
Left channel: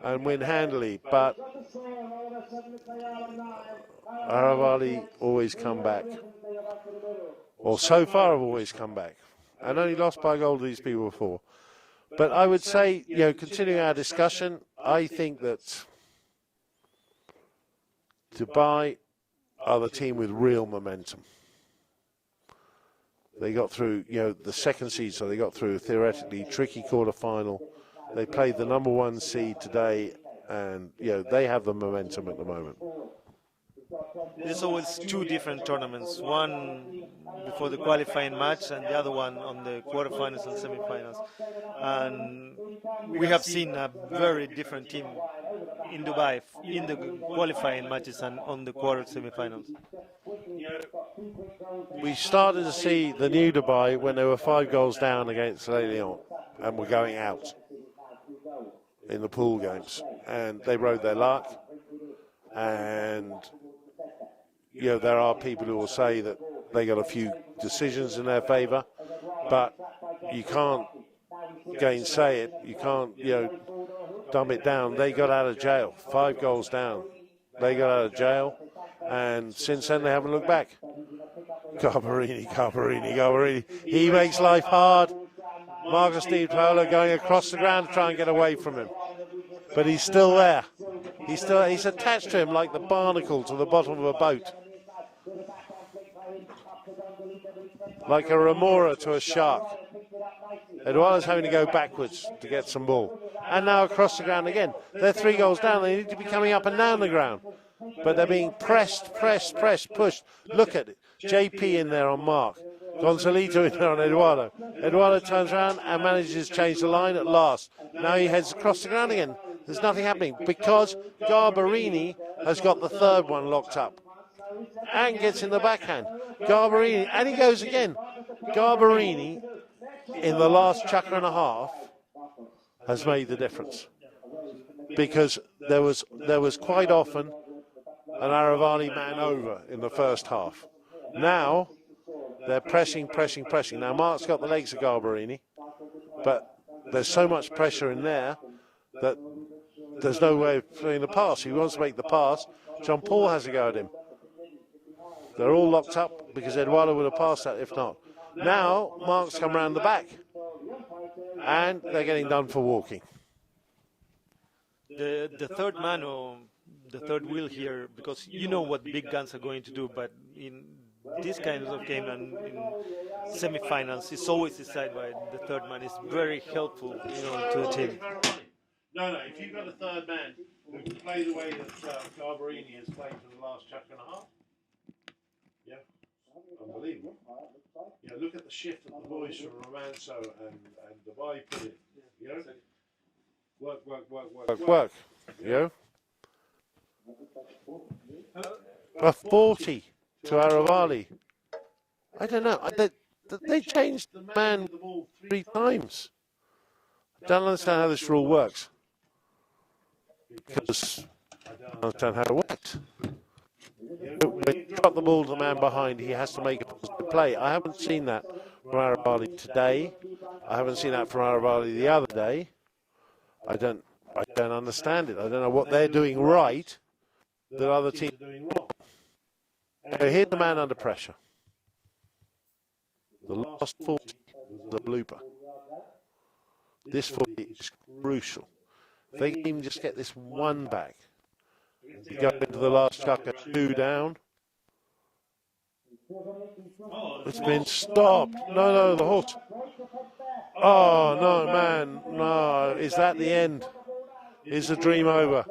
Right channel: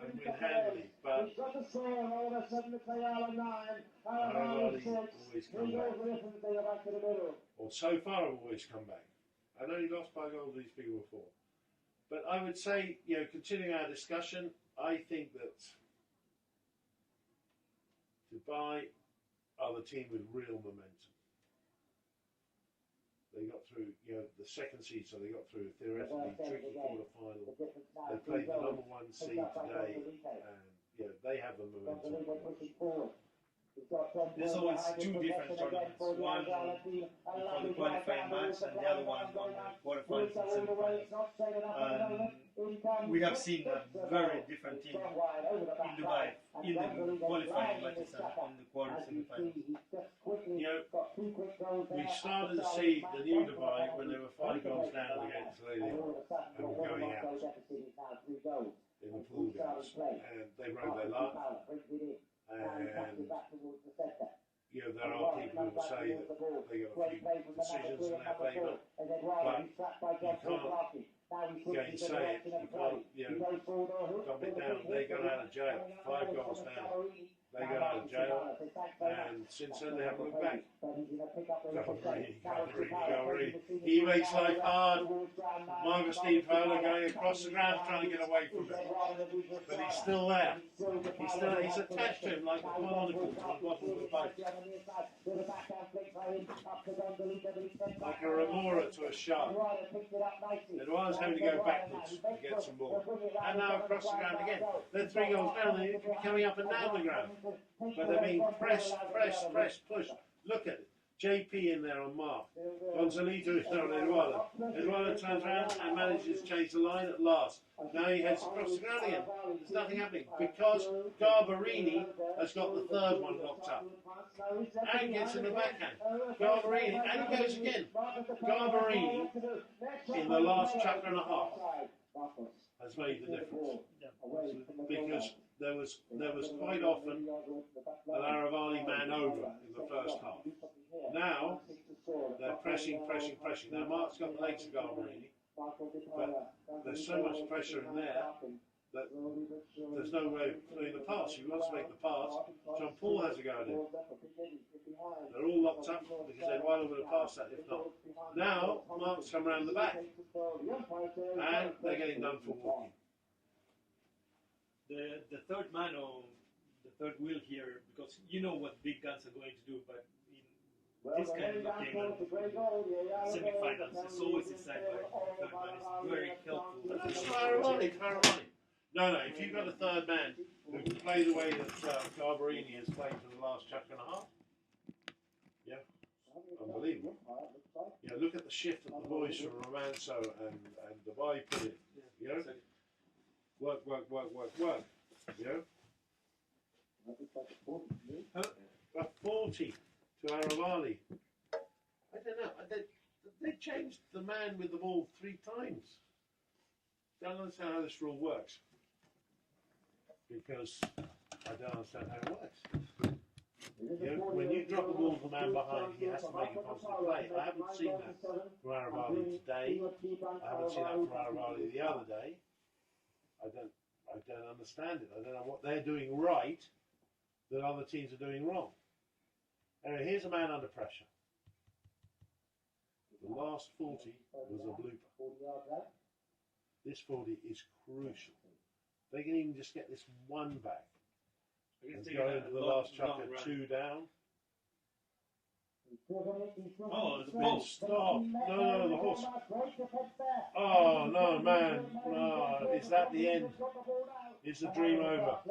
and win handily, but Aravali always come back. Or so far have always come back. And only lost by a goal to these people before. But I would say, continuing our discussion, I think that Dubai are the team with real momentum. They got through, the second seed, so they got through a theoretically tricky quarter-final. They played the #1 seed today, and, they have the momentum at the moment. There's always 2 different tournaments, one for the qualifying match and the other one on the quarterfinals and semifinals. And we have seen a very different team in Dubai in the qualifying matches and on the quarter semifinals. We started to see the new Dubai when they were 5 goals down against Le Lyon and were going out in the pool games. And they rode their luck. And there are people who will say that they got a few decisions in their favour, but you can't gainsay it. You can't, dumb it down. They got out of jail, 5 goals down. They got out of jail, and since then they haven't looked back. Garbarini. He makes life hard. Marcus Di Paolo going across the ground to try and get away from him. But he's still there. He's attached to him like the barnacle to the bottom of a boat. Like a remora to a shark. Eduardo's having to go backwards to get some ball. And now across the ground again. They're 3 goals down. They need to be coming up and down the ground. But they're being pressed, pushed. Look at it. JP in there on Mark. Gonzalito in there on Eduardo. Eduardo turns around and manages to change the line at last. Now he heads across the ground again. There's nothing happening because Garbarini has got the 3rd one locked up. and gets in the backhand. Garbarini, and he goes again. Garbarini, in the last chukker and a half, has made the difference. Because there was quite often an Aravali man over in the first half. Now, they're pressing. Now, Mark's got the legs of Garbarini, but there's so much pressure in there that there's no way of doing the pass. He wants to make the pass. Jean Paul has a go at him. They're all locked up because Eduardo would have passed that if not. Now, Mark's come around the back, and they're getting done for walking. The third man, or the third wheel here, because you know what big guns are going to do, but in this kind of game and semi-finals, it's always decided by the third man. It's very helpful to the team. No, if you've got a third man who can play the way that Garbarini has played for the last chukker and a half, yeah, unbelievable. Yeah, look at the shift that the boys from Romanzo and Dubai put in. You know, work. You know, a 40 to Aravali. I don't know. They changed the man with the ball 3 times. I don't understand how this rule works. Because I don't understand how it worked. When you drop the ball to the man behind, he has to make a play. I haven't seen that from Aravali today. I haven't seen that from Aravali the other day. I don't understand it. I don't know what they're doing right that other teams are doing wrong. They hit the man under pressure. The last 40 was the blooper. This 40 is crucial. If they can even just get this one back, and go into the last chukker 2 down. It's been stopped. No, the horse. Oh, no, man. No. Is that the end? Is the dream over?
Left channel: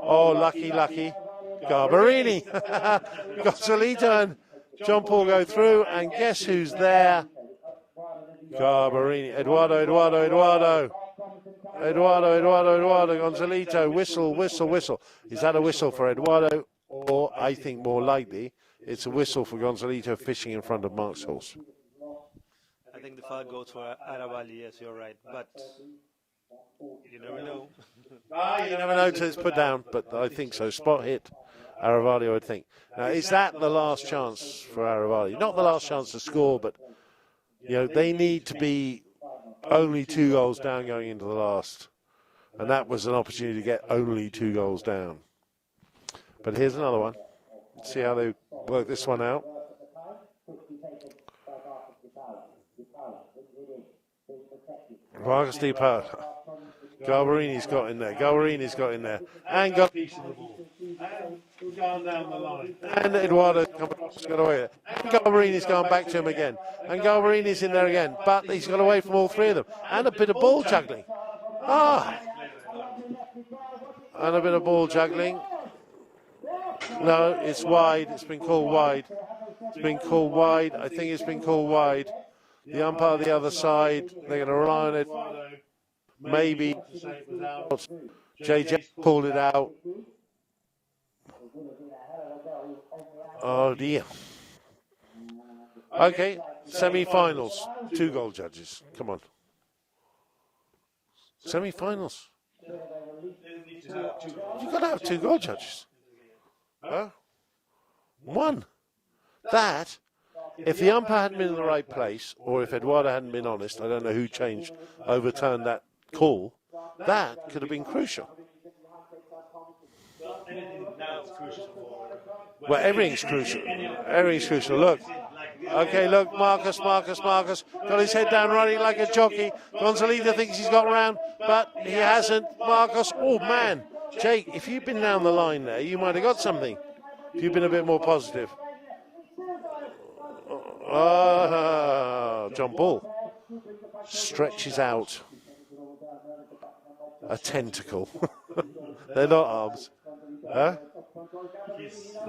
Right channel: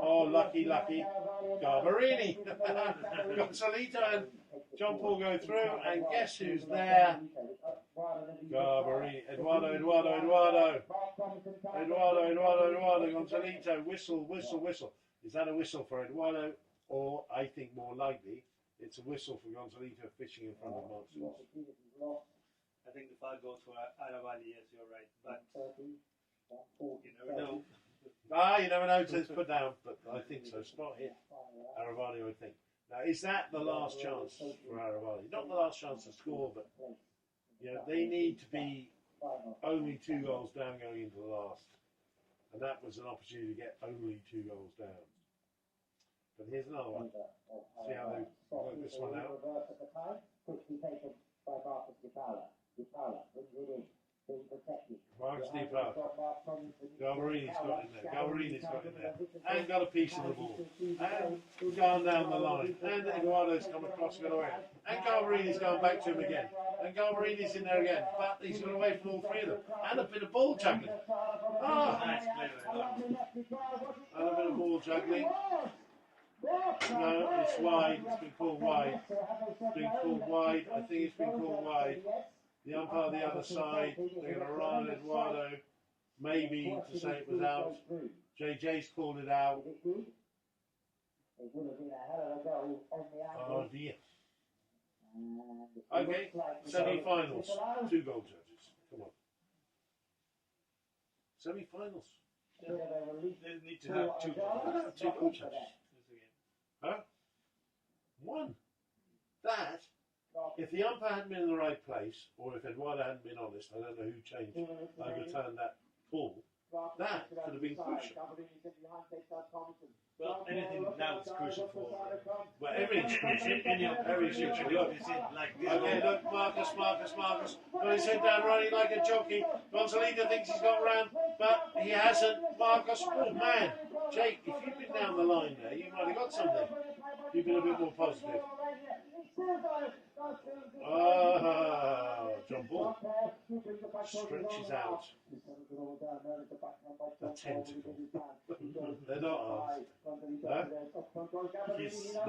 Oh, lucky. Garbarini. Gonzalito and Jean Paul go through, and guess who's there? Garbarini. Eduardo. Gonzalito. Whistle. Is that a whistle for Eduardo? Or, I think more likely, it's a whistle for Gonzalito fishing in front of Mark's horse. I think the foul goes for Aravali, yes, you're right. But you never know. You never know until it's put down, but I think so. Spot hit Aravali, I would think. Now, is that the last chance for Aravali? Not the last chance to score, but they need to be only 2 goals down going into the last. And that was an opportunity to get only 2 goals down. But here's another one. See how they work this one out. Vargas Di Paola. Garbarini's got in there. And got piece of the ball. And gone down the line. And Eduardo's got away. And Garbarini's gone back to him again. And Garbarini's in there again. But he's got away from all 3 of them. And a bit of ball juggling. And a bit of ball juggling. No, it's wide. It's been called wide. I think it's been called wide. The umpire on the other side, they're going to rely on it. Maybe. JJ pulled it out. Oh dear. Okay, semi-finals. 2 goal judges. Come on. Semi-finals. You've got to have 2 goal judges. Huh? 1. That, if the umpire hadn't been in the right place, or if Eduardo hadn't been honest, I don't know who overturned that call, that could have been crucial. Well, anything now is crucial for. Well, everything's crucial. Everything's crucial. Look. Okay, look, Marcus. Got his head down running like a jockey. Gonzalito thinks he's got round, but he hasn't. Marcus, oh man. Jake, if you'd been down the line there, you might have got something. If you'd been a bit more positive. John Paul stretches out a tentacle. They're not arms. Huh?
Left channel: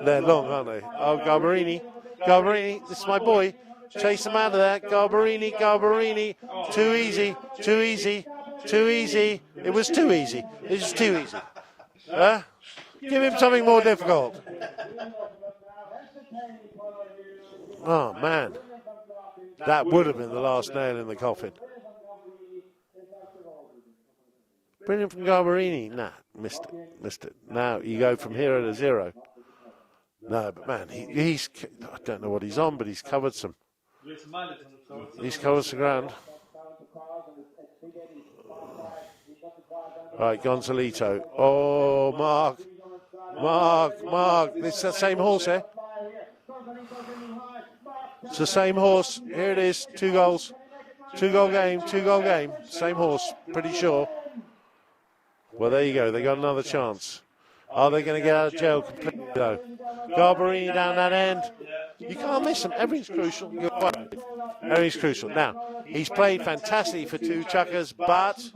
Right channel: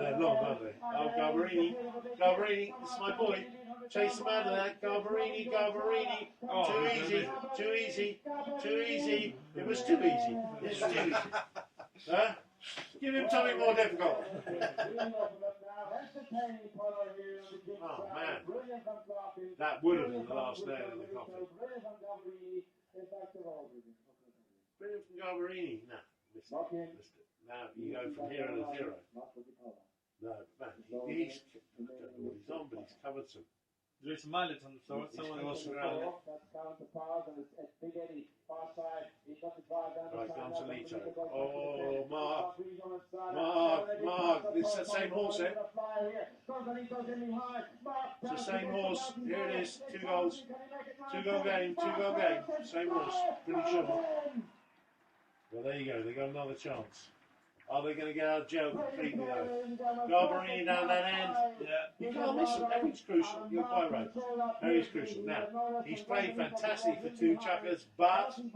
They're long, aren't they? Oh, Garbarini, this is my boy. Chase him out of there. Garbarini. Too easy. It was too easy. Huh? Give him something more difficult. Oh, man. That would have been the last nail in the coffin. Brilliant from Garbarini. Nah, missed it. Now you go from 0 to 0. No, but man, he's, I don't know what he's on, but he's covered some. There's mallet on the floor. He's covered some ground. Right, Gonzalito. Oh, Mark. It's the same horse, eh? It's the same horse. Here it is. 2 goals. 2-goal game. Same horse, pretty sure. Well, there you go. They got another chance. Are they going to get out of jail completely, though? Garbarini down that end. You can't miss him. Everything's crucial. Everything's crucial. Now, he's played fantastically for 2 chuckers, but It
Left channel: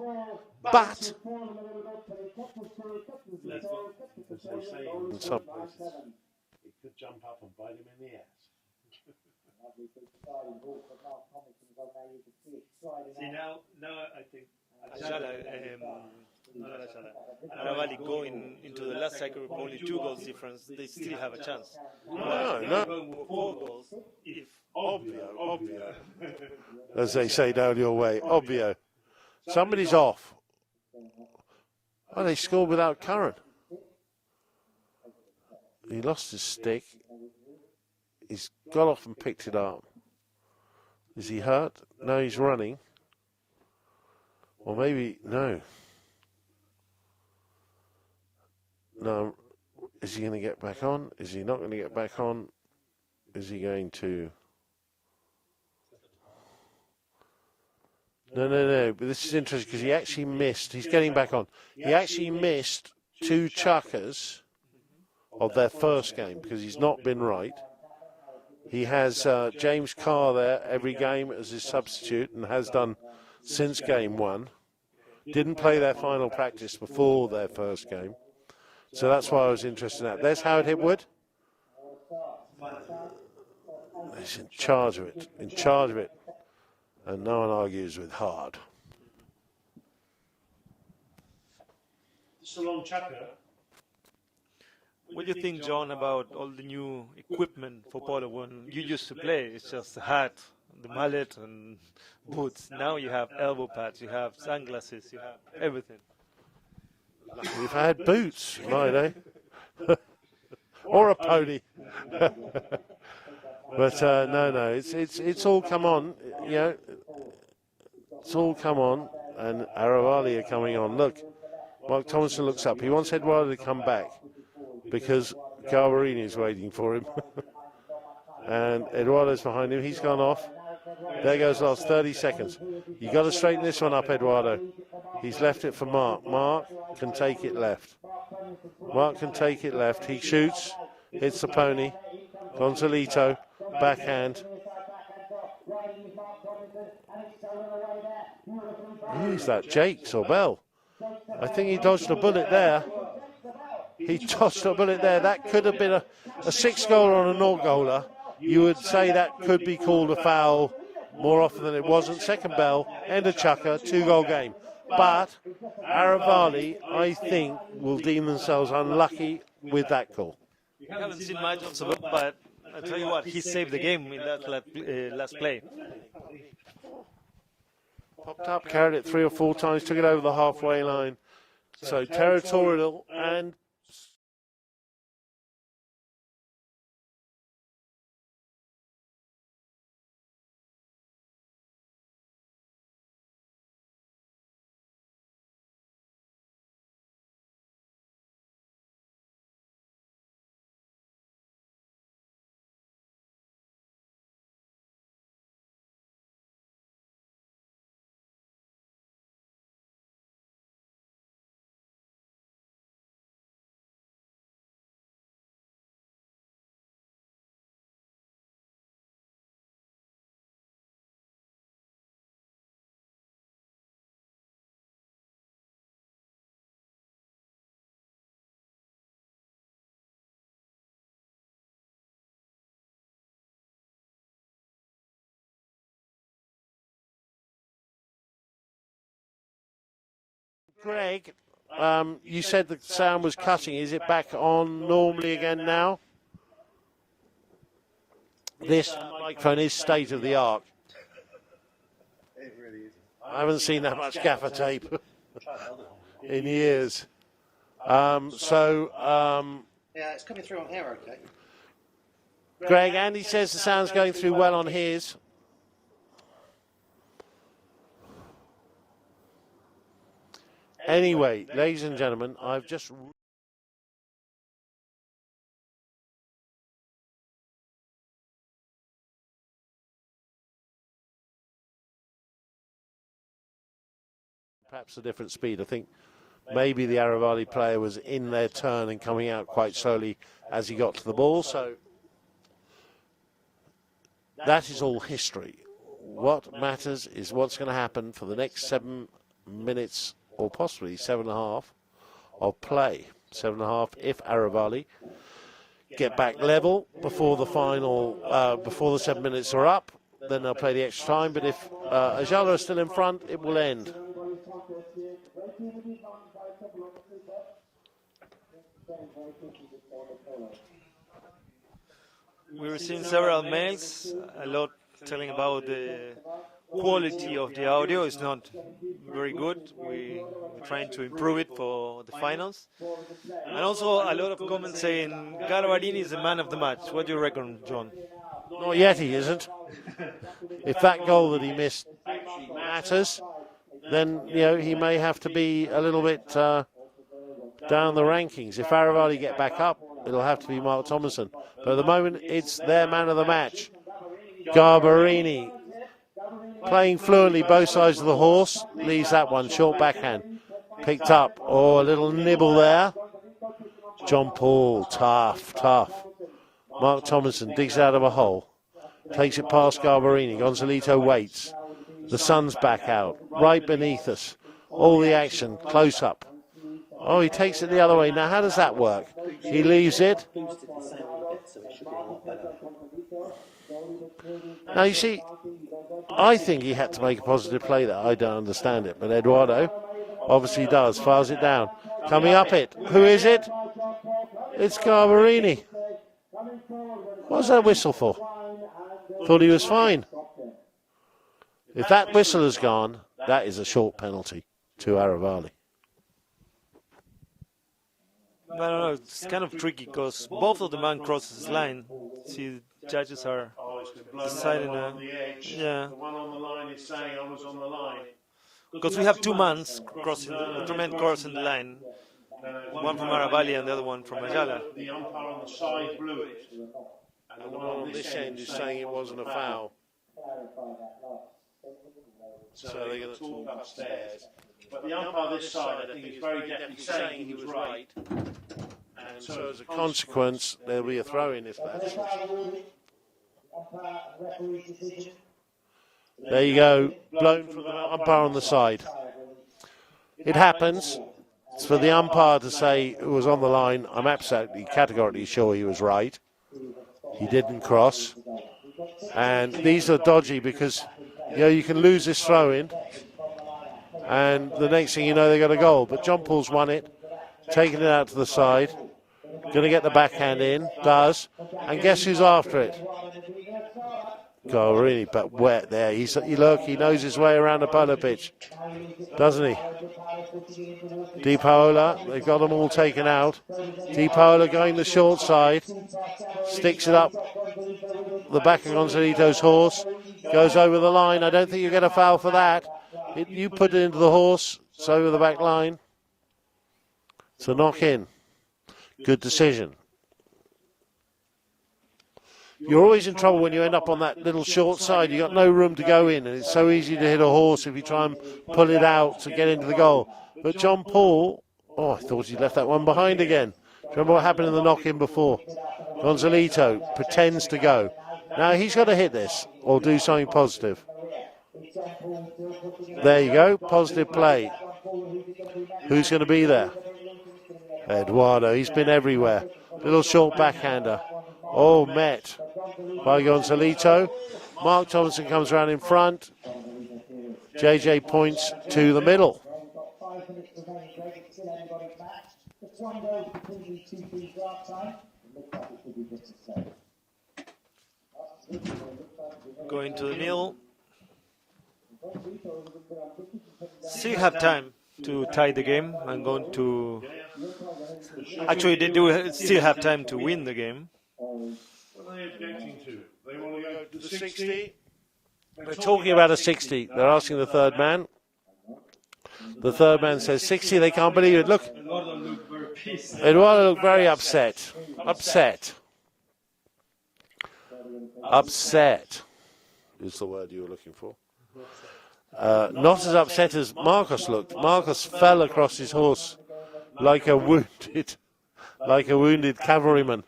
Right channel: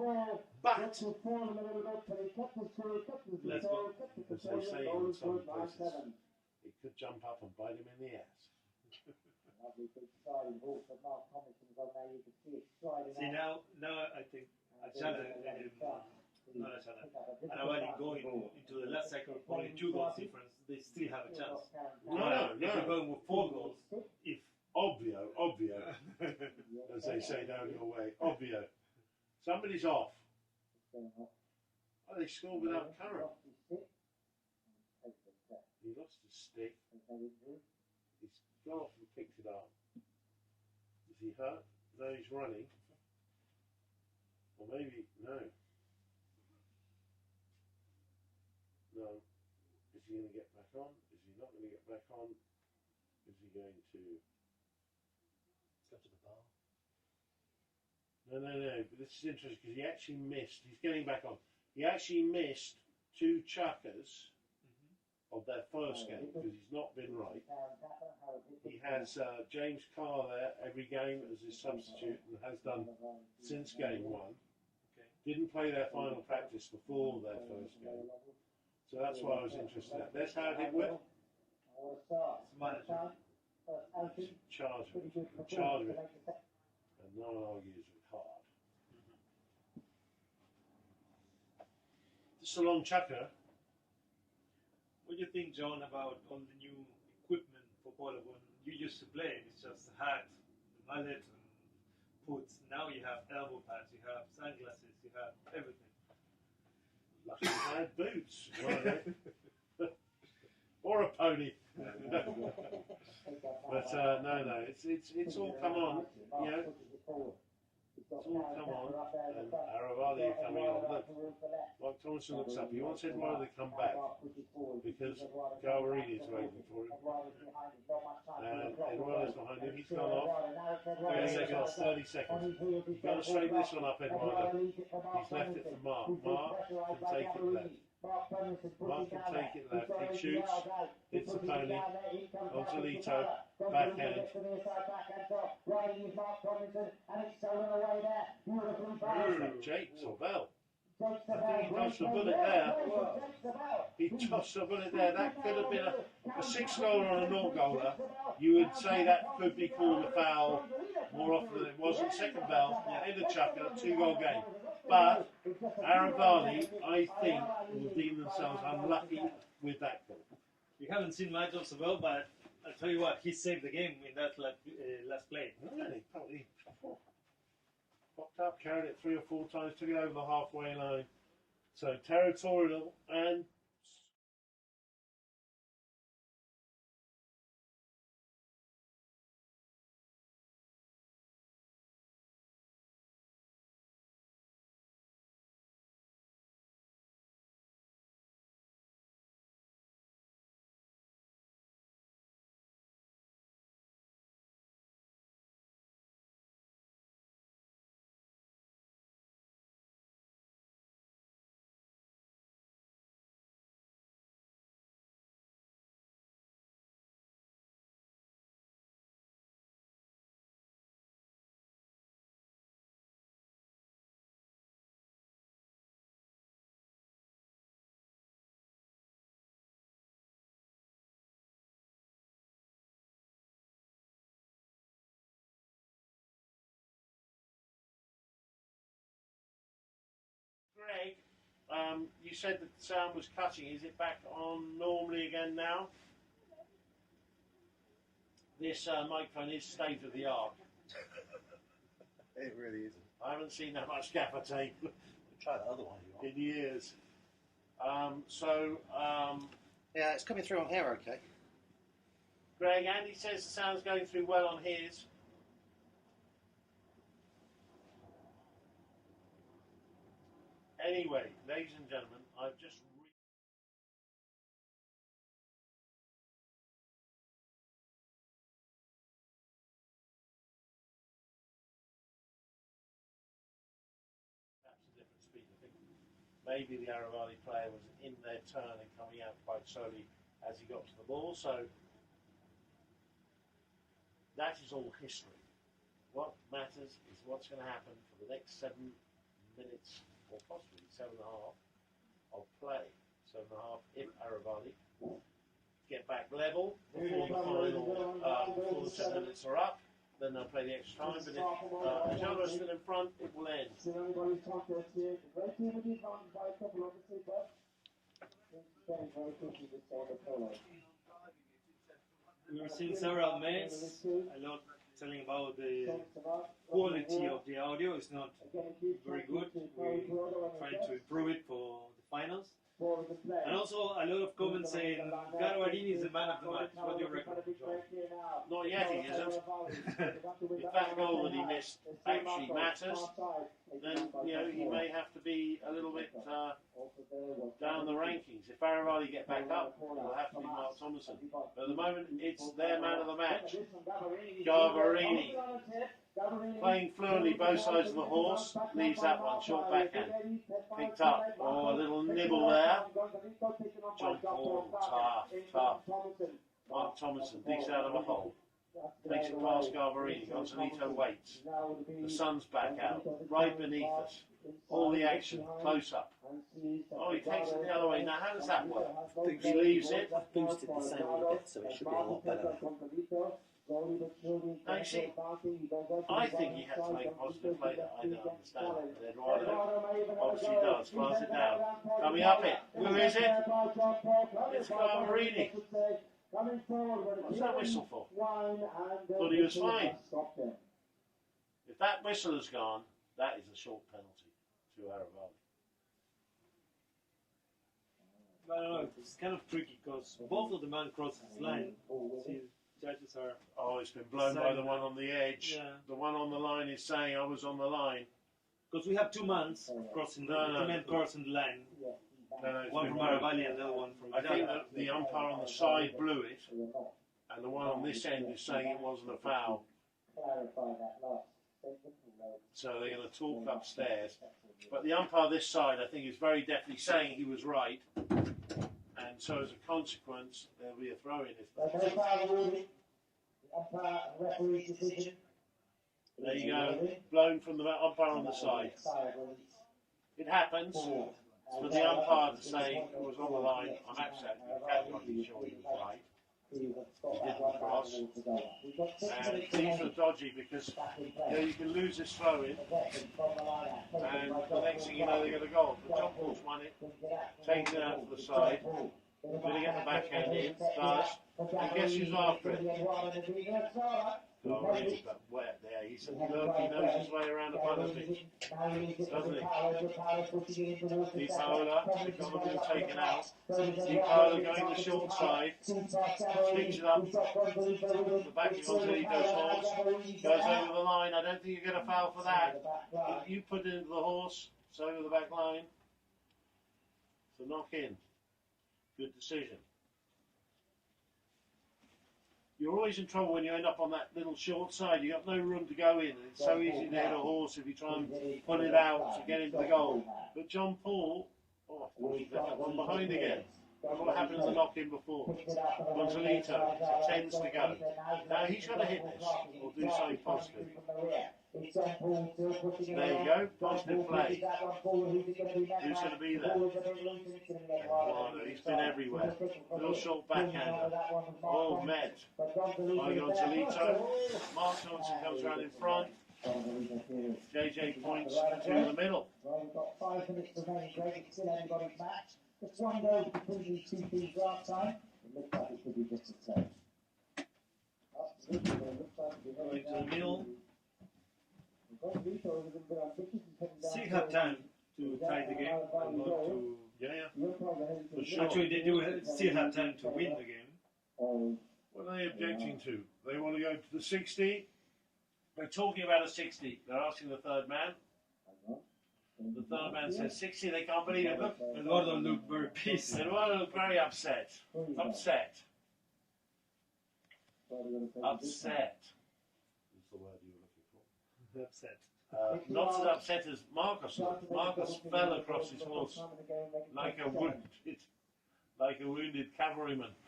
could jump up and bite him in the ass. See, now I think Ayala, Aravali going into the last cycle with only 2 goals difference, they still have a chance. They're going with 4 goals. If Obvio. as they say down your way, obvio. Somebody's off. Oh, they scored without Curran. He lost his stick. He's got off and picked it up. Is he hurt? No, he's running. Or maybe, no. No. Is he going to get back on? Is he not going to get back on? Is he going to... No. But this is interesting because he actually missed. He's getting back on. He actually missed 2 chuckers of their first game because he's not been right. He has James Carr there every game as his substitute and has done since game 1. Didn't play their final practice before their first game. So that's why I was interested in that. There's Howard Hipwood. He's in charge of it. And no one argues with Hard. It's a long chucker. what do you think, John, about all the new equipment for polo when you used to play? It's just the hat, the mallet, and boots. Now you have elbow pads, you have sunglasses, you have everything. We've had boots, right, eh? Or a pony. But no, it's all come on, you know. It's all come on, and Aravali are coming on. Look, Mark Thompson looks up. He wants Eduardo to come back because Garbarini is waiting for him. And Eduardo's behind him. He's gone off. There goes last 30 seconds. You've got to straighten this one up, Eduardo. He's left it for Mark. Mark can take it left. He shoots. Hits the pony. Gonzalito. Backhand. Who's that? Jakes or Bell? I think he dodged a bullet there. That could have been a 6-goaler or a 0-goaler. You would say that could be called a foul more often than it wasn't. Second bell, end of chucker, 2-goal game. But Aravali, I think, will deem themselves unlucky with that call. We haven't seen much of Salop, but I'll tell you what, he saved the game in that last play. Popped up, carried it 3 or 4 times, took it over the halfway line. So territorial and... Greg, you said the sound was cutting. Is it back on normally again now? this microphone is state of the art. It really isn't. I haven't seen that much gaffer tape Try that other one. in years. Yeah, it's coming through on here, okay. Greg, Andy says the sound's going through well on his. Anyway, ladies and gentlemen, I've just... perhaps a different speed. I think maybe the Aravali player was in their turn and coming out quite slowly as he got to the ball. So that is all history. What matters is what's going to happen for the next 7 minutes or possibly 7.5 of play. 7.5 if Aravali get back level before the final, before the 7 minutes are up. Then they'll play the extra time, but if Ayala is still in front, it will end. We were seeing several mails, a lot telling about the quality of the audio is not very good. We're trying to improve it for the finals. And also a lot of comments saying Aravali is the man of the match. What do you reckon, John? Not yet he isn't. If that goal that he missed actually matters, then he may have to be a little bit down the rankings. If Aravali get back up, it'll have to be Mark Thomason. But at the moment, it's their man of the match. Garbarini playing fluently both sides of the horse, leaves that one, short backhand. Picked up, a little nibble there. John Paul, tough. Mark Thomason digs out of a hole. Takes it past Garbarini. Gonzalito waits. The sun's back out, right beneath us. All the action, close up. Oh, he takes it the other way. Now, how does that work? He leaves it. Boosted the sound a bit, so it should be a lot better. Now, you see, I think he had to make a positive play there. I don't understand it. But Eduardo obviously does. Files it down. Coming up it. Who is it? It's Garbarini. What's that whistle for? Thought he was fine. If that whistle has gone, that is a short penalty to Aravali. No, it's kind of tricky because both of the man crosses the line. See, judges are it's been blown by the one on the edge. Yeah. The one on the line is saying I was on the line. Because we have two men crossing the line. One from Aravali and the other one from Ayala. The umpire on the side blew it, and the one on this end is saying it wasn't a foul. So they're going to talk upstairs. But the umpire this side, I think, is very definitely saying he was right. And so as a consequence, There'll be a throw-in if that's... There you go, blown from the umpire on the side. It happens. It's for the umpire to say who was on the line. I'm absolutely categorically sure he was right. He didn't cross. And these are dodgy because you can lose this throw-in, and the next thing you know, they got a goal. But John Paul's won it, taking it out to the side. Going to get the backhand in, does. And guess who's after it? God, really, but wet there. Look, he knows his way around the polo pitch, doesn't he? Di Paola, they've got them all taken out. Di Paola going the short side, sticks it up the back of Gonzalito's horse, goes over the line. I don't think you get a foul for that. You put it into the horse, it's over the back line. It's a knock in. Good decision. You're always in trouble when you end up on that little short side. You've got no room to go in, and it's so easy to hit a horse if you try and pull it out to get into the goal. But John Paul, I thought he left that one behind again. Remember what happened in the knock-in before? Gonzalito pretends to go. Now he's got to hit this or do something positive. There you go, positive play. Who's going to be there? Eduardo, he's been everywhere. Little short backhander. Met by Gonzalito. Mark Thomason comes around in front. JJ points to the middle. Going to the nil. Still have time to tie the game. I'm going to. Actually, they do still have time to win the game. What are they objecting to? They want to go to the 60? They're talking about a 60. They're asking the third man. The third man says 60. They can't believe it. Look. Eduardo looked very pissed. Eduardo looked very upset. Upset. Upset is the word you were looking for. Not as upset as Marcus looked. Marcus fell across his horse like a wounded cavalryman.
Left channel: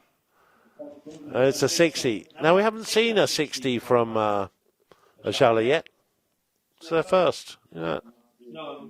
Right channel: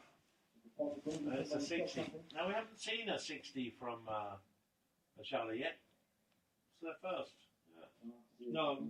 It's a 60. Now we haven't seen a 60 from Ayala yet. It's their first. Yeah. No,